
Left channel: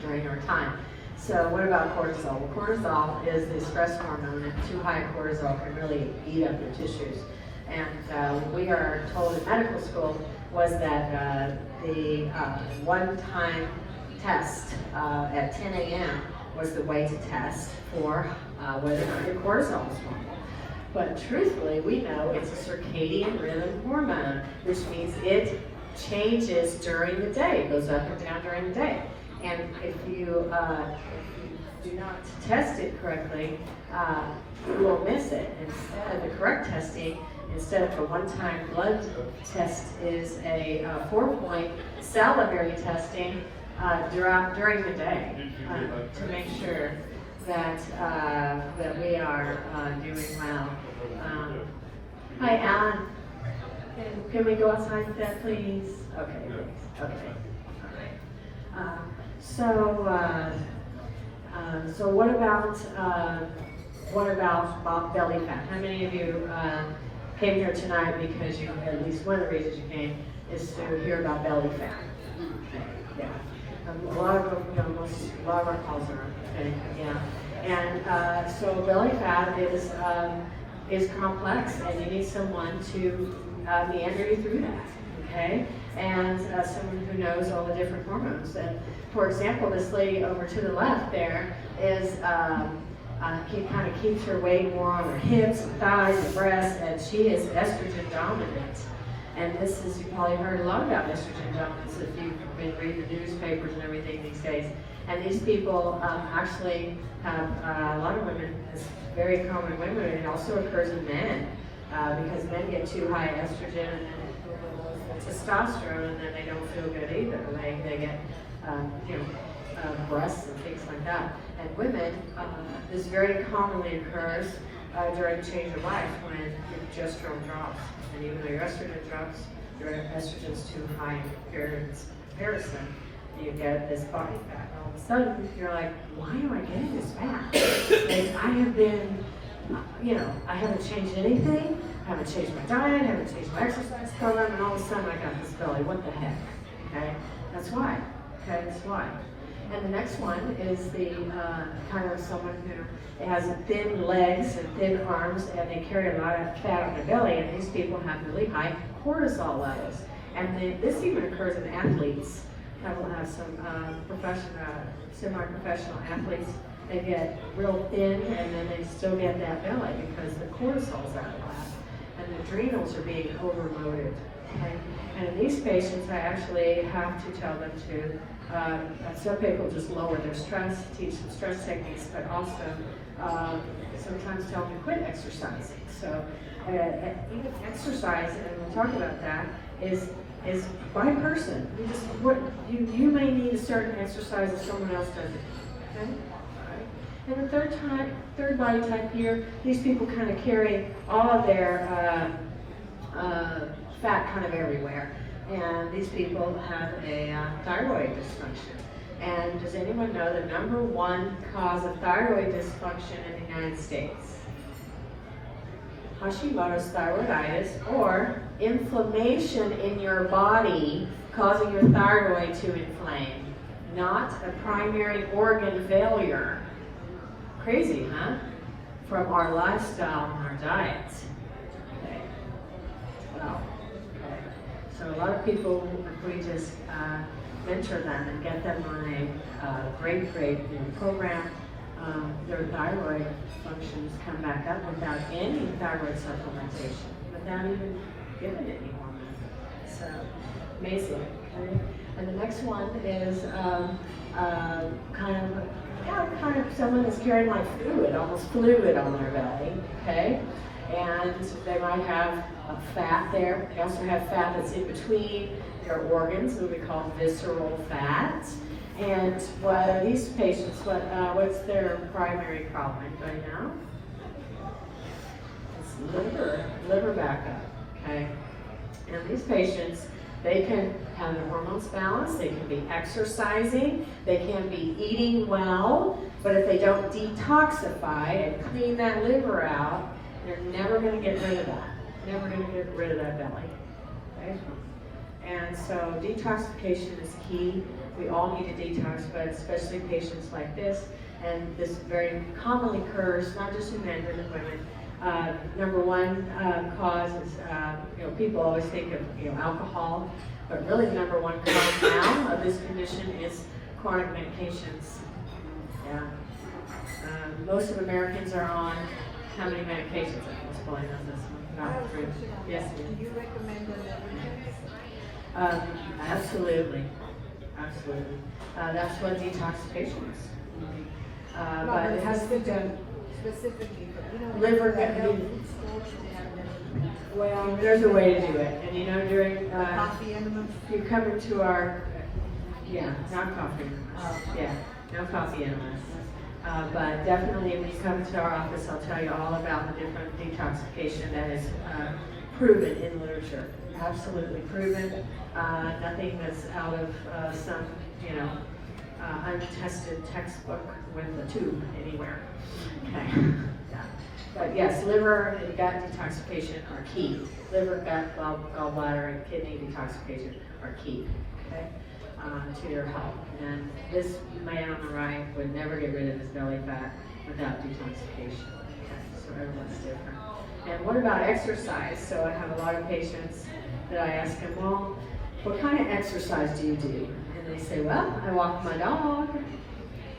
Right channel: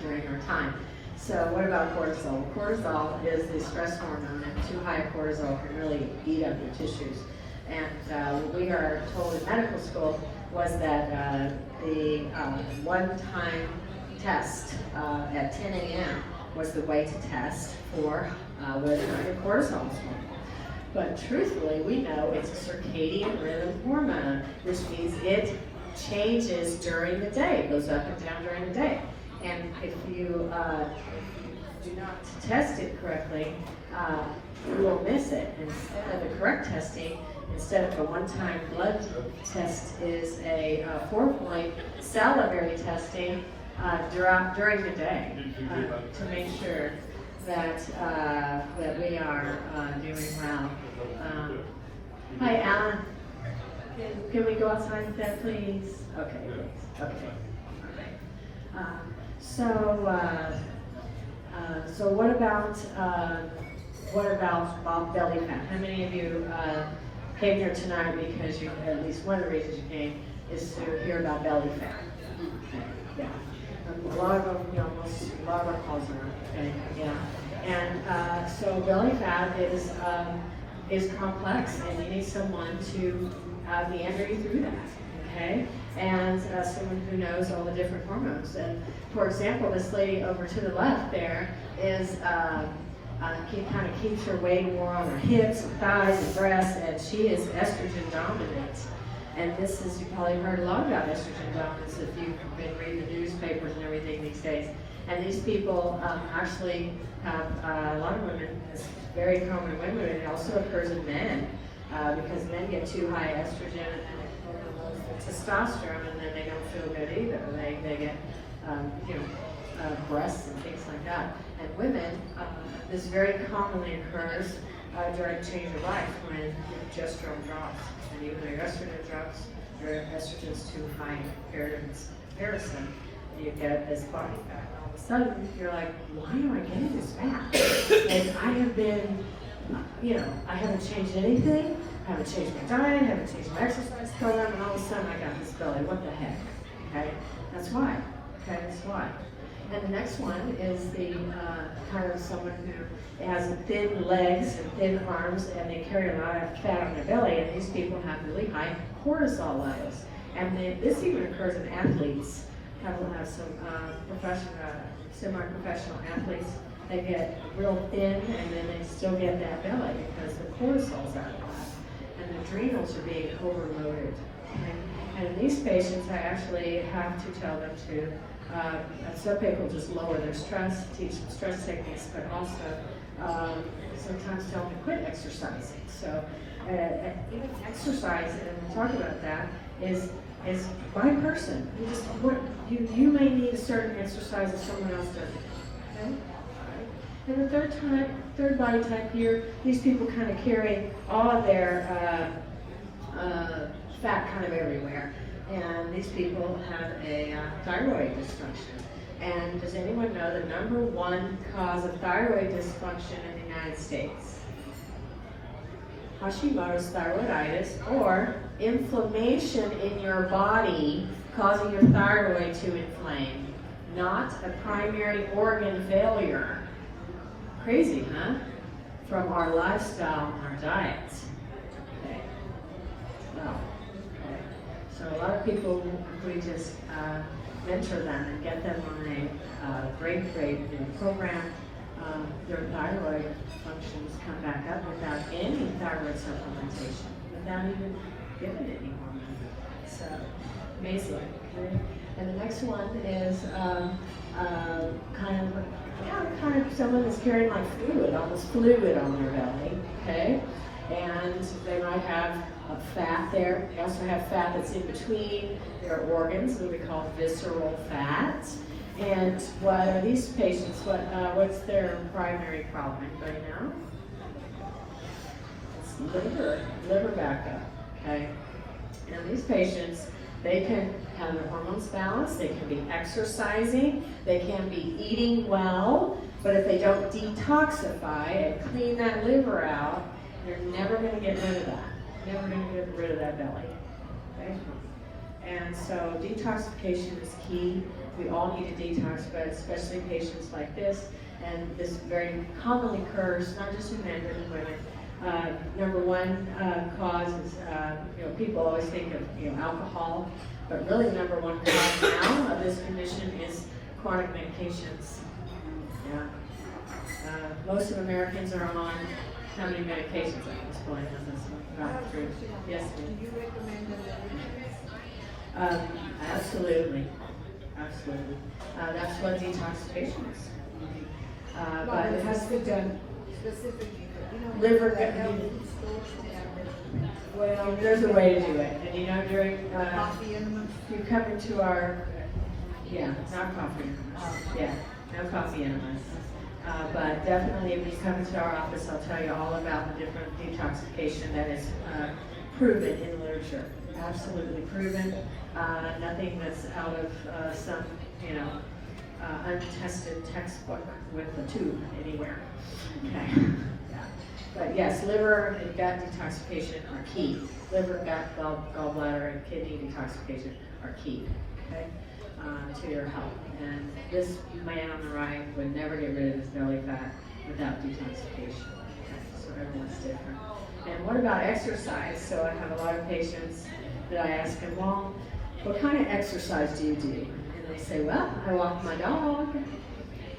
during our time. So what about cortisol? Well, cortisol is the stress hormone, and too high cortisol can really eat up your tissues. And we are told in medical school was that the one-time test at 10 a.m. was the way to test for whether or not your cortisol was normal. But truthfully, we know it's a circadian rhythm hormone, which means it changes during the day, it goes up and down during the day. And if you do not test it correctly, you will miss it. Instead, the correct testing, instead of a one-time blood test, is a 4-point salivary testing during the day to make sure that we are doing well. Hi, Alan. Can we go outside with that, please? Okay, thanks. Okay. All right. So what about belly fat? How many of you came here tonight because at least one of the reasons you came is to hear about belly fat? Yeah. A lot of our calls are okay. Yeah. And so belly fat is complex, and you need someone to meander you through that. Okay, and someone who knows all the different hormones. And for example, this lady over to the left there is kind of keeps her weight more on her hips and thighs and breasts, and she is estrogen dominant. And this is, you probably heard a lot about estrogen dominance if you've been reading the newspapers and everything these days. And these people actually have, a lot of women, as very common in women, and it also occurs in men, because men get too high estrogen and then overload their testosterone, and then they don't feel good either. They get, breasts and things like that. And women, this very commonly occurs during change of life when your progesterone drops, and even though your estrogen drops, your estrogen's too high in comparison, you get this body fat, and all of a sudden you're like, why am I getting this fat? And I have been, I haven't changed anything, I haven't changed my diet, I haven't changed my exercise program, and all of a sudden I got this belly. What the heck? Okay, that's why. Okay, that's why. And the next one is the kind of someone who has thin legs and thin arms, and they carry a lot of fat on their belly, and these people have really high cortisol levels. And this even occurs in athletes. People have some semi-professional athletes. They get real thin, and then they still get that belly because the cortisol's out of whack, and the adrenals are being overloaded. Okay? And in these patients, I actually have to tell them to. Some people just lower their stress, teach them stress techniques, but also sometimes tell them to quit exercising. So even exercise, and we'll talk about that, is by person. You may need a certain exercise if someone else doesn't. Okay? Right. And the third body type here, these people kind of carry all of their fat kind of everywhere. And these people have a thyroid dysfunction. And does anyone know the number one cause of thyroid dysfunction in the United States? Hashimoto's thyroiditis, or inflammation in your body causing your thyroid to inflame, not a primary organ failure. Crazy, huh? From our lifestyle and our diets. Okay. Well. So a lot of people, if we just mentor them and get them on a great program, their thyroid functions come back up without any thyroid supplementation, without even giving any hormone. So amazing. Okay? And the next one is kind of someone that's carrying like fluid, almost fluid on their belly. Okay. And they might have a fat there. They also have fat that's in between their organs, what we call visceral fat. And these patients, what's their primary problem? Anybody know? It's liver backup. Okay. And these patients, they can have their hormones balanced, they can be exercising, they can be eating well, but if they don't detoxify and clean that liver out, they're never going to get rid of that. Never going to get rid of that belly. Okay? And so detoxification is key. We all need to detox, but especially patients like this. And this very commonly occurs, not just in men, but in women. Number one cause is, people always think of, alcohol, but really the number one cause now of this condition is chronic medications. Yeah. Most of Americans are on how many medications? I was pulling on this one. Not true. Yes. Do you recommend the liver test? Absolutely. Absolutely. That's what detoxification is. But it has to be done. Specifically, Liver like can health be- food stores and liver. Well, there's a way to do it. And during, Coffee enema. if you come into our, not coffee enemas. Yeah, no coffee enemas. But definitely when you come into our office, I'll tell you all about the different detoxification that is proven in literature. Absolutely proven. Nothing that's out of some, untested textbook with a tube anywhere. Okay. Yeah. But yes, liver and gut detoxification are key. Liver, gut, gallbladder, and kidney detoxification are key. Okay. To your health. And this man on the right would never get rid of his belly fat without detoxification. Okay. So everyone's different. And what about exercise? So I have a lot of patients that I ask them, well, what kind of exercise do you do? And they say, well, I walk my dog.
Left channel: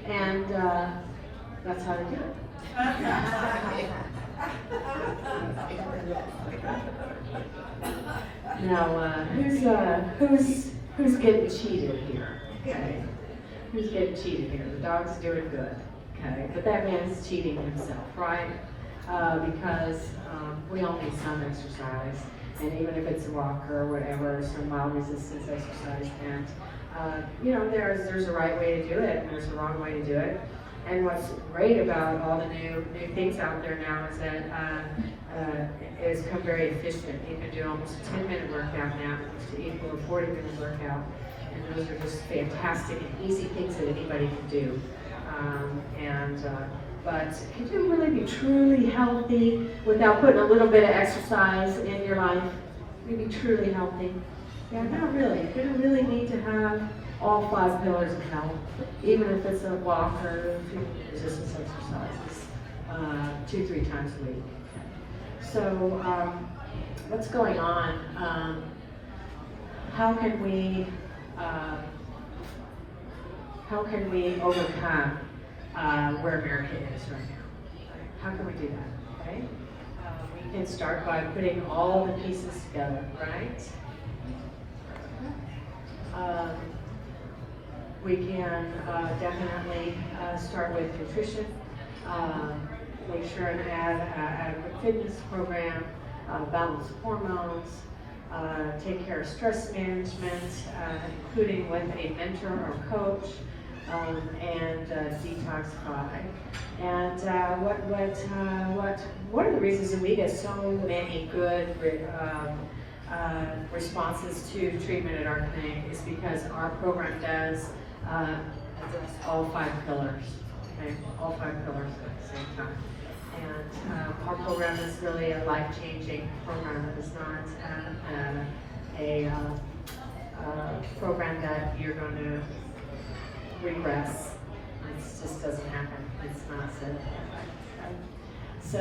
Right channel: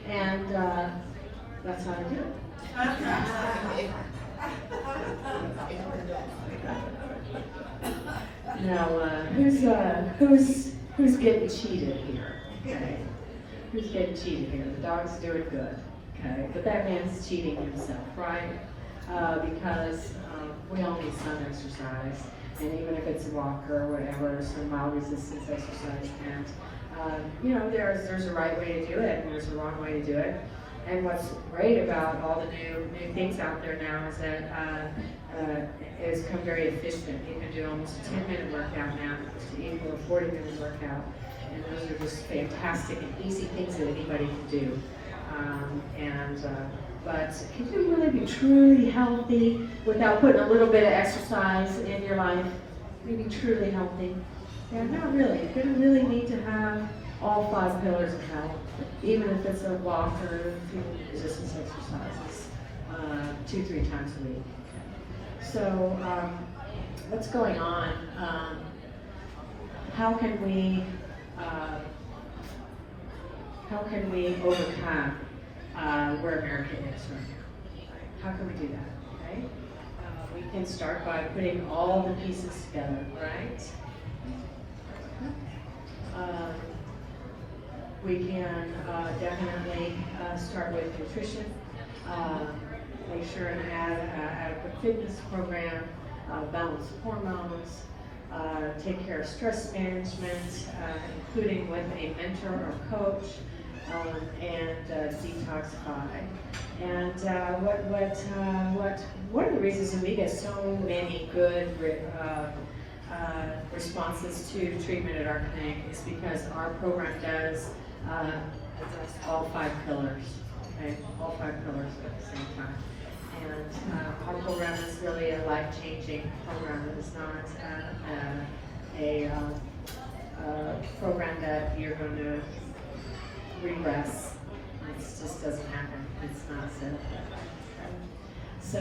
And that's how they do it. Now, who's getting cheated here? Okay. Who's getting cheated here? The dog's doing good. Okay, but that man's cheating himself, right? Because we all need some exercise, and even if it's a walk or whatever, some mild resistance exercise, and you know, there's a right way to do it, and there's a wrong way to do it. And what's great about all the new things out there now is that it's become very efficient. You can do almost a 10-minute workout now to equal a 40-minute workout. And those are just fantastic and easy things that anybody can do. But can you really be truly healthy without putting a little bit of exercise in your life? Can you be truly healthy? Yeah, not really. You don't really need to have all 5 pillars of health, even if it's a walk or a few resistance exercises 2-3 times a week. So what's going on? How can we overcome where America is right now? How can we do that? Okay, we can start by putting all the pieces together, right? We can definitely start with nutrition, make sure and add adequate fitness program, balance hormones, take care of stress management, including with a mentor or coach, and detoxify. And one of the reasons that we get so many good responses to treatment at our clinic is because our program does address all 5 pillars, okay? All 5 pillars at the same time. And our program is really a life-changing program. It is not a program that you're going to regress. It just doesn't happen. It's not set up that way. Okay? So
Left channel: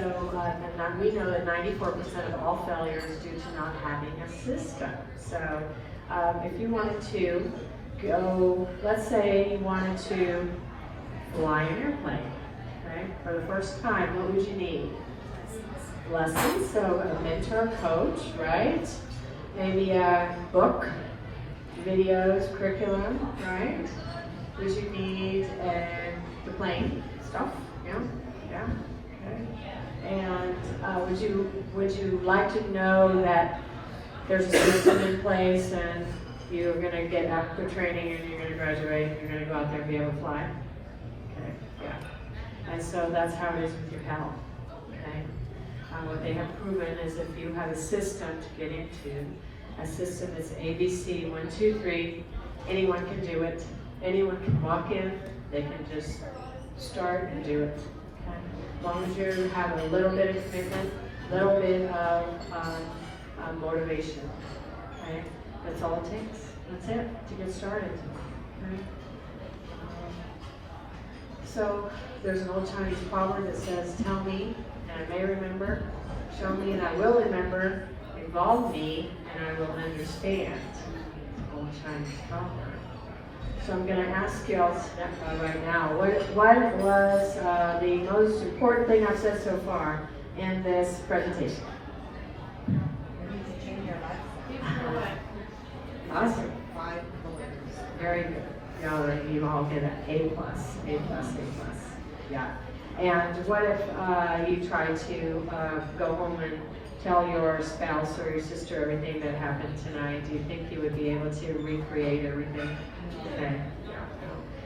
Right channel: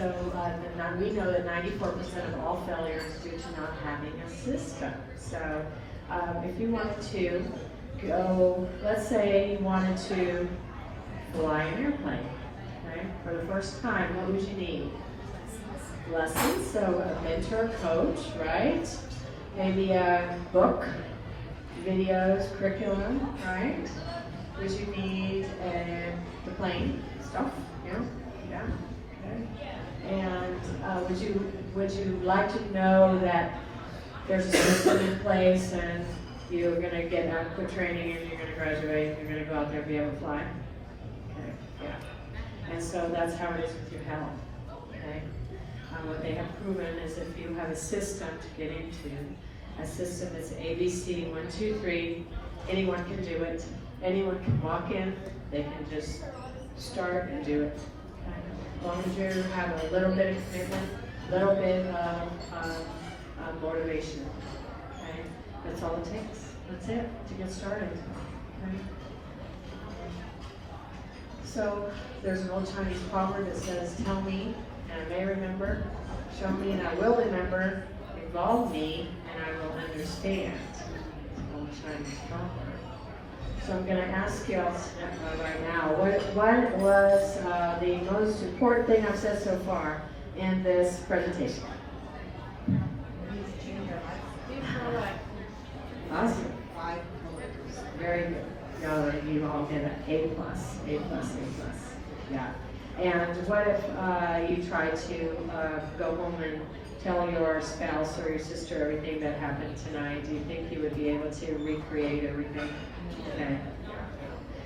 and we know that 94% of all failure is due to not having a system. So if you wanted to go, let's say you wanted to fly an airplane, okay, for the first time, what would you need? Lessons, so a mentor, coach, right? Maybe a book, videos, curriculum, right? Would you need the plane stuff? Yeah, yeah, okay. And would you like to know that there's a system in place and you're going to get adequate training and you're going to graduate and you're going to go out there and be able to fly? Okay, yeah. And so that's how it is with your health. Okay. What they have proven is if you have a system to get into, a system that's ABC 1, 2, 3, anyone can do it. Anyone can walk in. They can just start and do it. Okay. As long as you have a little bit of commitment, a little bit of motivation. Okay. That's all it takes. That's it to get started. Okay. So there's an old Chinese proverb that says, "Tell me, and I may remember; show me, and I will remember; involve me, and I will understand." Old Chinese proverb. So I'm going to ask you all right now, what was the most important thing I've said so far in this presentation? Awesome. Very good. You all get an A+, A+, A+. Yeah. And what if you try to go home and tell your spouse or your sister everything that happened tonight? Do you think you would be able to recreate everything? Okay.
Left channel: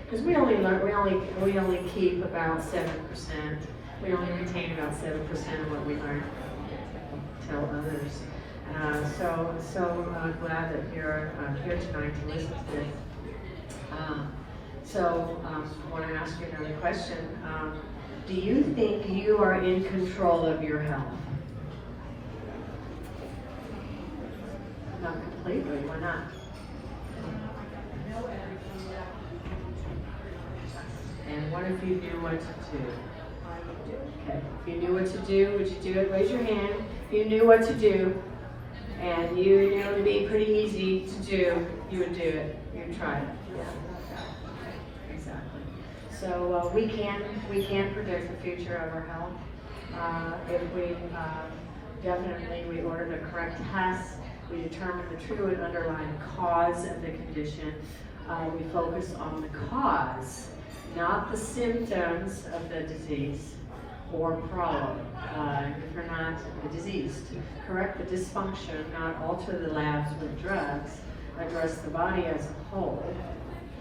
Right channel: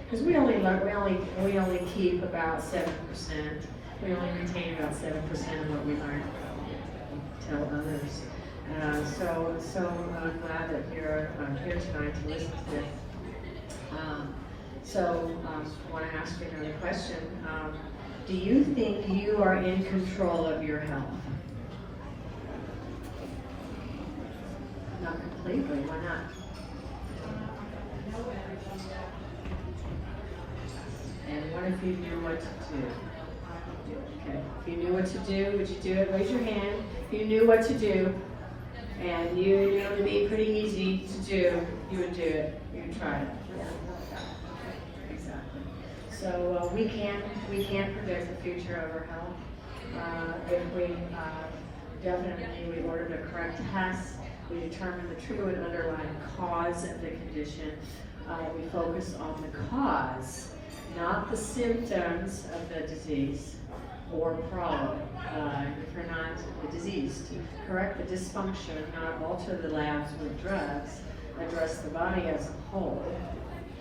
Because we only keep about 7%. We only retain about 7% of what we might tell others. So glad that you're here tonight to listen to this. I want to ask you another question. Do you think you are in control of your health? Not completely. Why not? And what if you knew what to do? Okay. If you knew what to do, would you do it? Raise your hand. If you knew what to do, and you knew it would be pretty easy to do, you would do it. You would try it. Yeah. Exactly. So we can't predict the future of our health. If we definitely order the correct tests, we determine the true and underlying cause of the condition. We focus on the cause. not the symptoms of the disease or problem, for not the disease, to correct the dysfunction, not alter the labs with drugs, address the body as a whole,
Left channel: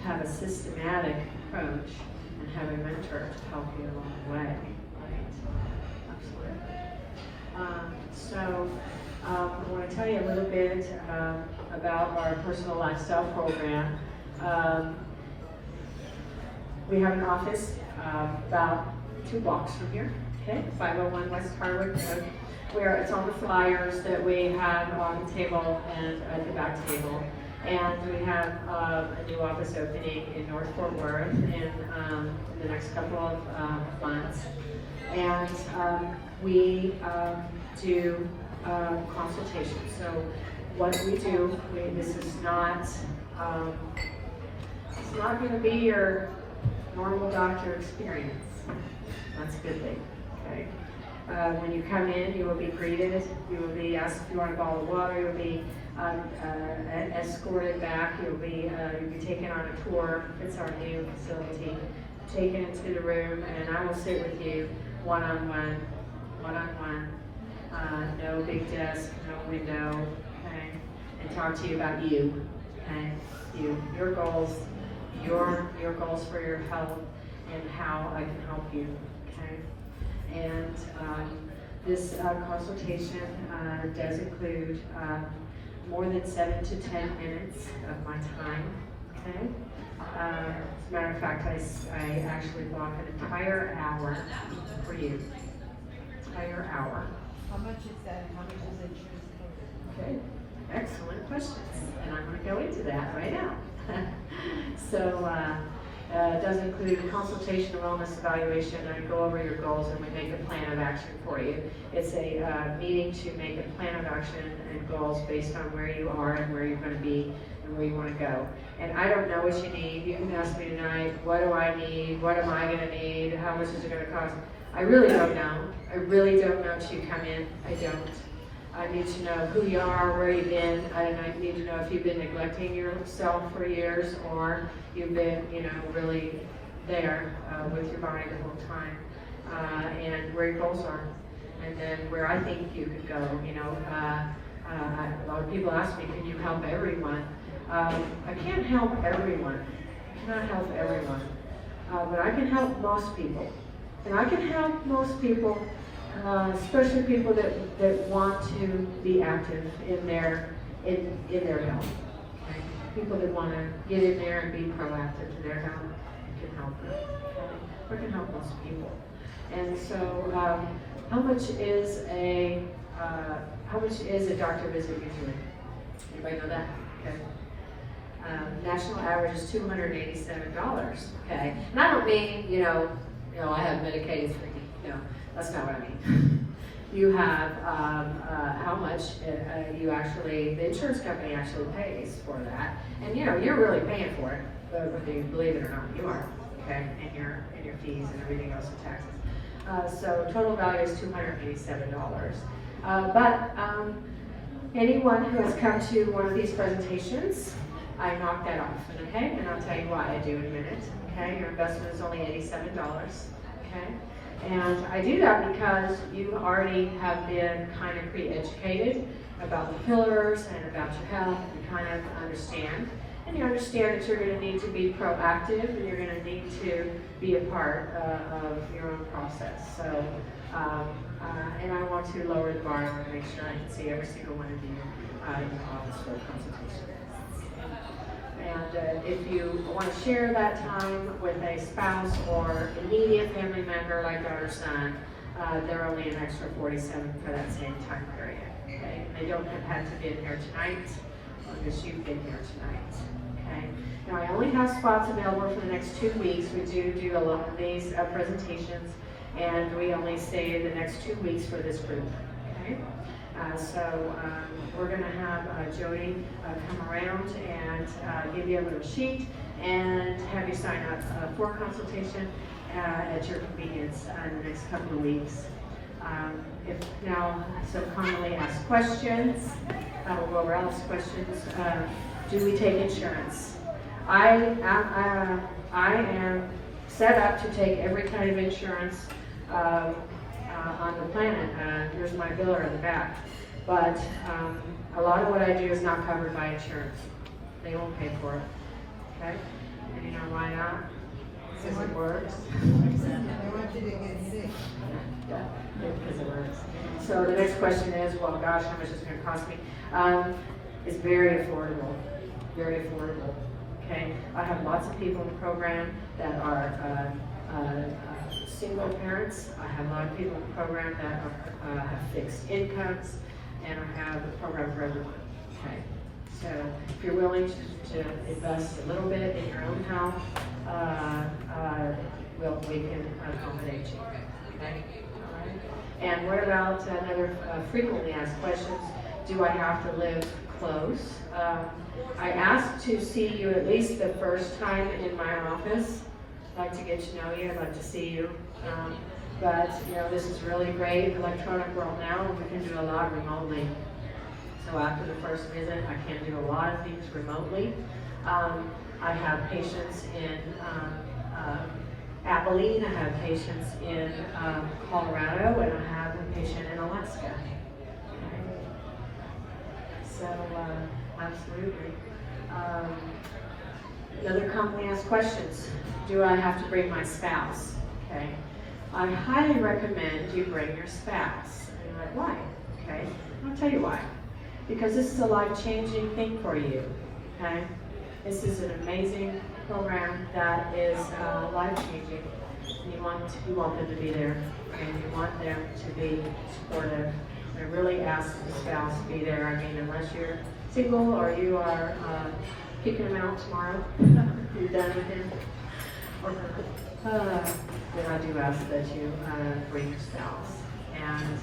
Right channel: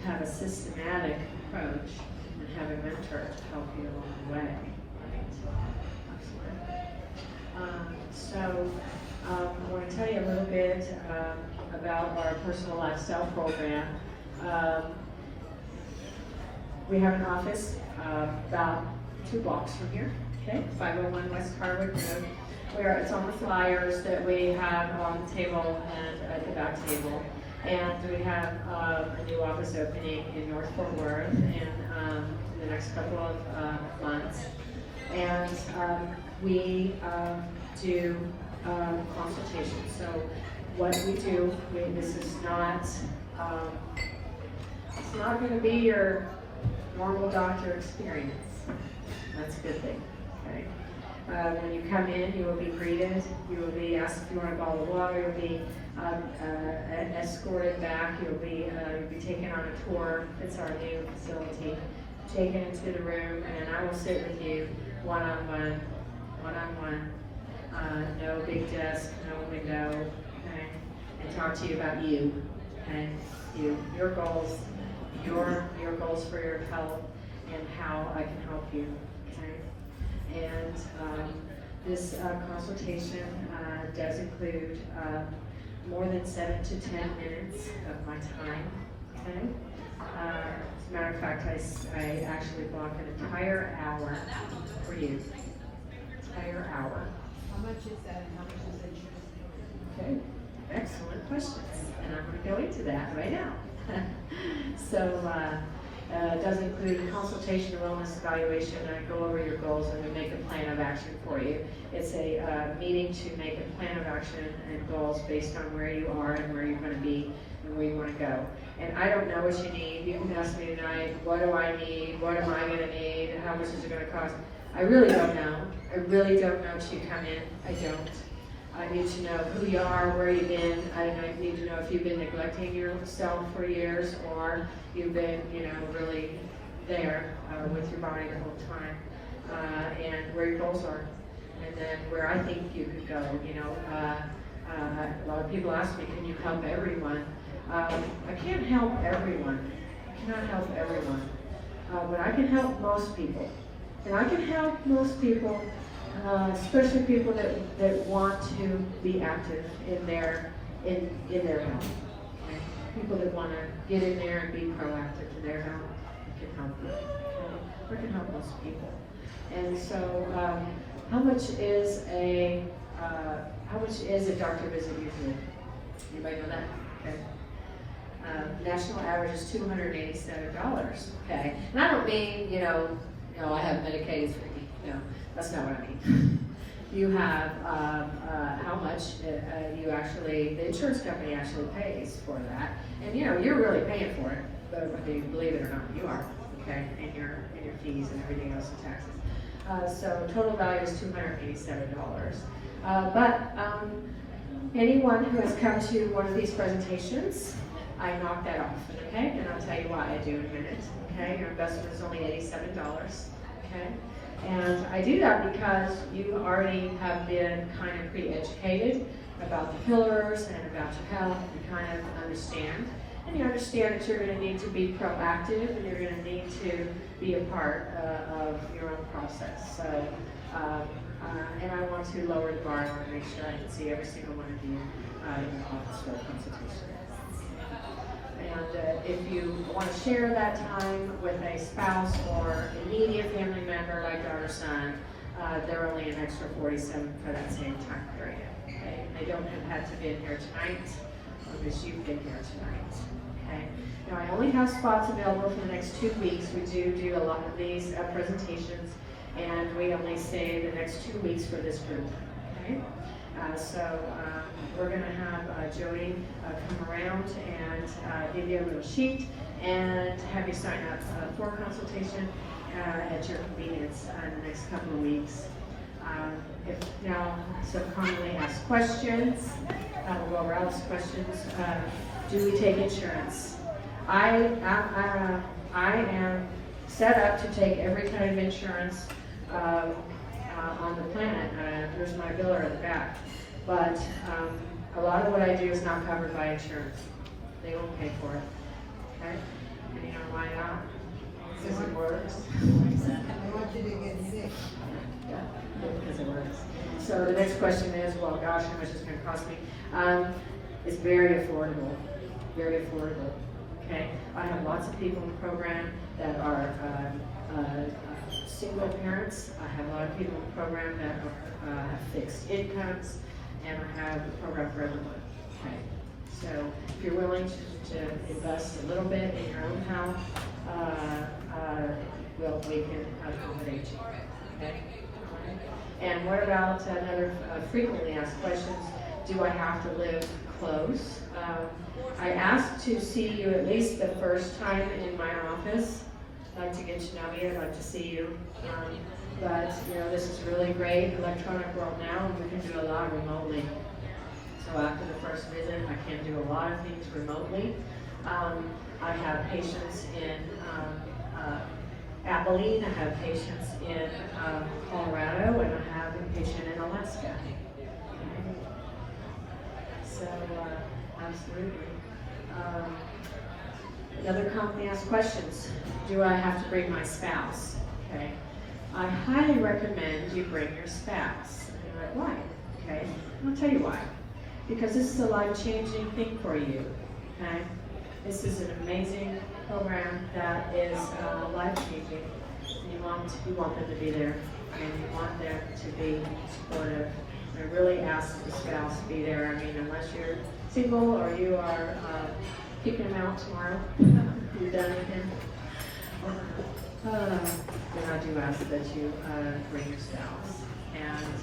have a systematic approach, and have a mentor to help you along the way. Right? Absolutely. I want to tell you a little bit about our personal lifestyle program. We have an office about 2 blocks from here, okay, 501 West Harwood Road, where it's on the flyers that we have on the table and at the back table. And we have a new office opening in North Fort Worth in the next couple of months. And we do consultations. So what we do, this is not, it's not going to be your normal doctor experience. That's a good thing, right? When you come in, you will be greeted, you will be asked if you want a bottle of water, you'll be escorted back, you'll be taken on a tour. It's our new facility, taken into the room, and I will sit with you one-on-one, no big desk, no window, okay, and talk to you about you, okay, your goals, your goals for your health, and how I can help you, okay. And this consultation does include more than 7 to 10 minutes of my time, okay? As a matter of fact, I actually block an entire hour for you. Entire hour. How much is that, and how much is insurance coverage? Okay, excellent questions, and I'm going to go into that right now. So, it does include a consultation, wellness evaluation, and I go over your goals and we make a plan of action for you. It's a meeting to make a plan of action and goals based on where you are and where you're going to be and where you want to go. And I don't know what you need. You can ask me tonight, what do I need? What am I going to need? How much is it going to cost? I really don't know. I really don't know until you come in. I don't. I need to know who you are, where you've been. I need to know if you've been neglecting yourself for years or you've been, really there with your body the whole time, and where your goals are, and then where I think you could go. A lot of people ask me, can you help everyone? I can't help everyone. I cannot help everyone, but I can help most people, and I can help most people. Especially people that want to be active in their health. Okay? People that want to get in there and be proactive to their health, can help them. Okay? We can help most people. And so, how much is a doctor visit usually? Anybody know that? Okay. National average is $287. Okay, and I don't mean I have Medicaid for that's not what I mean. You have how much you actually, the insurance company actually pays for that, and you're really paying for it, whether you believe it or not, you are, okay, in your fees and everything else and taxes. So total value is $287. But anyone who has come to one of these presentations, I knock that off, okay, and I'll tell you why I do in a minute. Okay, your investment is only $87. Okay. And I do that because you already have been kind of pre-educated about the pillars and about your health. You kind of understand. And you understand that you're going to need to be proactive and you're going to need to be a part of your own process. So, and I want to lower the bar in order to make sure I can see every single one of you in the office for a consultation. And if you want to share that time with a spouse or immediate family member like daughter or son, they're only an extra $47 for that same time period. Okay? They don't have had to be in here tonight because you've been here tonight. Okay? Now I only have spots available for the next 2 weeks. We do a lot of these presentations, and we only stay the next 2 weeks for this group. Okay? So we're going to have Jody come around and give you a little sheet and have you sign up for consultation at your convenience in the next couple of weeks. Some commonly asked questions. We'll go over Alice's questions. Do we take insurance? I am set up to take every kind of insurance on the planet. Here's my biller in the back. But a lot of what I do is not covered by insurance. They won't pay for it. Okay? Any on why not? Because it works. Yeah, because it works. So the next question is, well, gosh, how much is it going to cost me? It's very affordable. Very affordable. Okay? I have lots of people in the program that are single parents. I have a lot of people in the program that have fixed incomes, and I have a program for everyone. Okay? So if you're willing to invest a little bit in your own health, we can accommodate you. Okay? All right. And what about another frequently asked questions? Do I have to live close? I asked to see you at least the first time in my office. I'd like to get to know you. I'd like to see you. But you know, this is really great electronic world now, and we can do a lot remotely. So after the first visit, I can do a lot of things remotely. I have patients in Abilene, I have patients in Colorado, and I have a patient in Alaska. So, absolutely. Another commonly asked questions, do I have to bring my spouse? Okay. I highly recommend you bring your spouse. And you're like, why? Okay. I'll tell you why. Because this is a life-changing thing for you. Okay. This is an amazing program that is life-changing. You want them to be there, and you want them to be supportive. I really ask the spouse to be there. I mean, unless you're single or you are kicking him out tomorrow, you're done with him, or her, then I do ask that you bring your spouse. And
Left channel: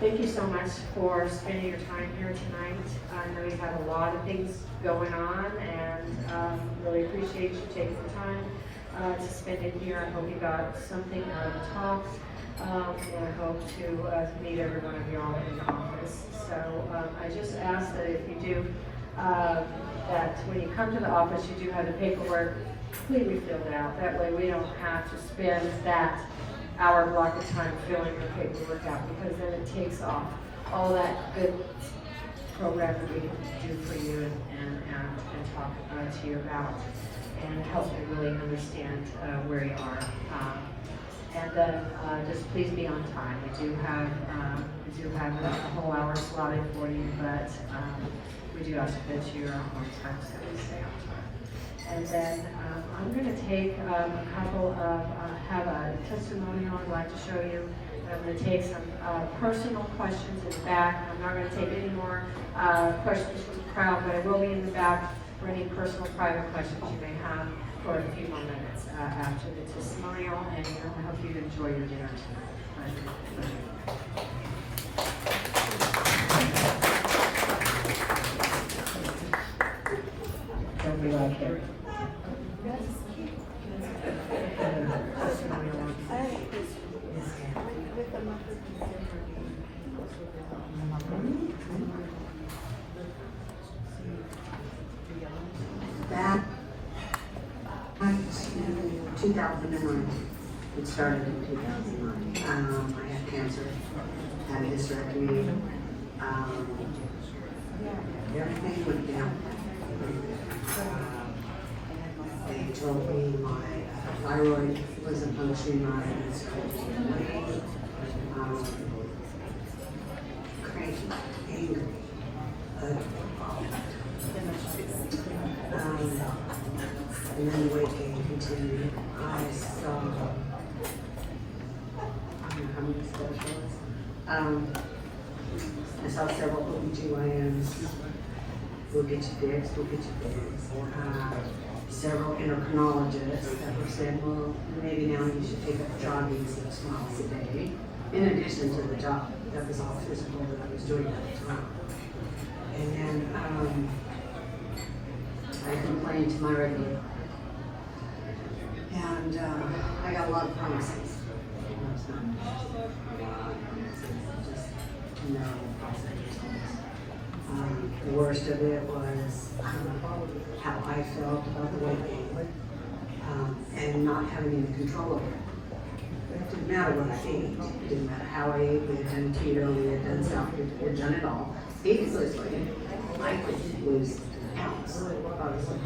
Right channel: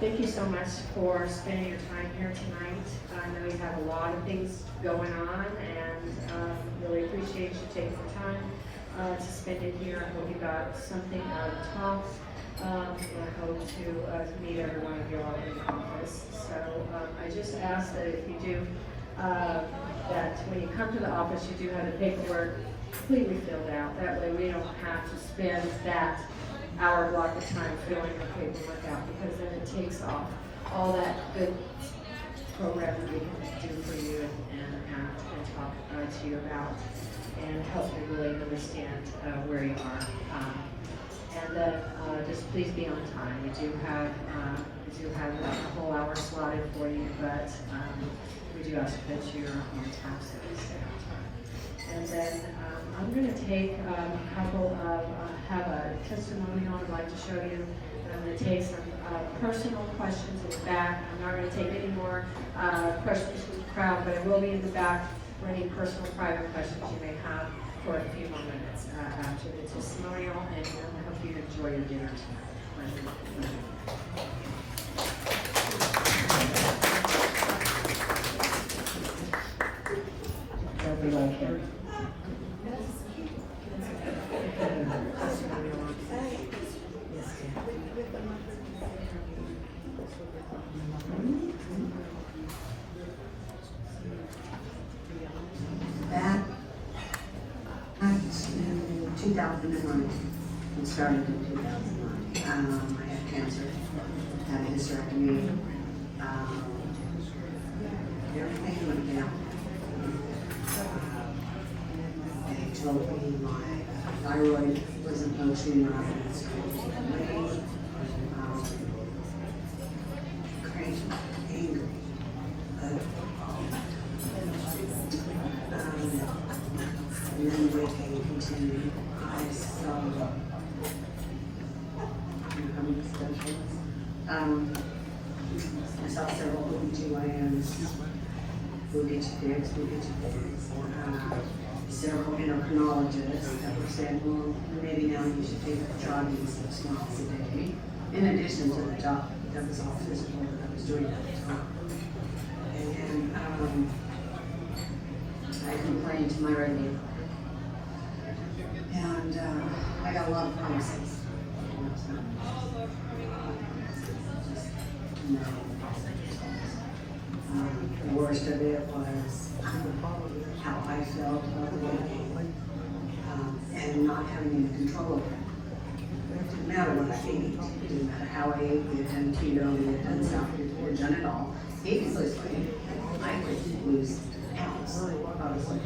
thank you so much for spending your time here tonight. I know you have a lot of things going on, and really appreciate you taking the time to spend it here. I hope you got something out of the talk, and I hope to meet every one of y'all in the office. So I just ask that if you do, that when you come to the office, you do have the paperwork completely filled out. That way we don't have to spend that hour block of time filling the paperwork out, because then it takes off all that good program that we can do for you and talk to you about, and help you really understand where you are. And then just please be on time. We do have a whole hour slotted for you, but we do ask that you are on time, so we stay on time. And then I'm going to take a couple of, have a testimonial I'd like to show you. I'm going to take some personal questions in the back. I'm not going to take any more questions from the crowd, but I will be in the back for any personal private questions you may have for a few more minutes after the testimonial, and I hope you enjoy your dinner tonight. Pleasure. Don't be like it. Back in 2009, it started in 2009. I had cancer, had a hysterectomy, everything went down. They told me my thyroid wasn't functioning right, and so crazy, angry. And then the weight gain continued. I saw I saw several OBGYNs. We'll get you fixed, we'll get you fixed. Several endocrinologists that were saying, well, maybe now you should take up jogging 6 miles a day, in addition to the job that was all physical that I was doing at the time. And I complained to my regular, and I got a lot of promises. You know, it's not just to know. worst of it was how I felt about it, and not having any control over it. It didn't matter what I ate, it didn't matter how I ate, we had done keto, we had done something, we had done it all. Basically, I would lose pounds, obviously.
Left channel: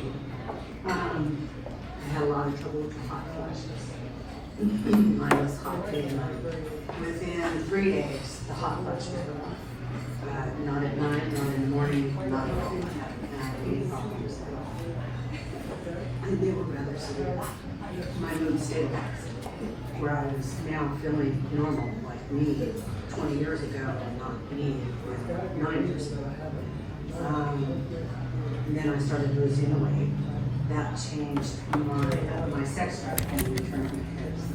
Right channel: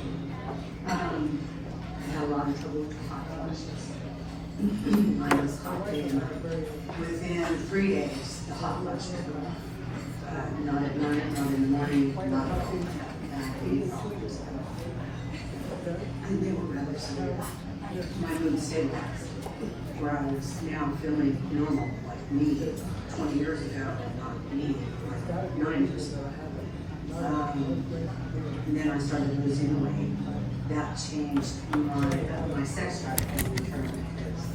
I had a lot of trouble with hot flushes. Mine was hot too. Within 3 days, the hot flush was gone. Not at night, not in the morning, not at all. And they were rather severe. My mood stabilized, where I was now feeling normal, like me, 20 years ago, not me, with 9 years ago. And then I started losing weight. That changed my sex drive and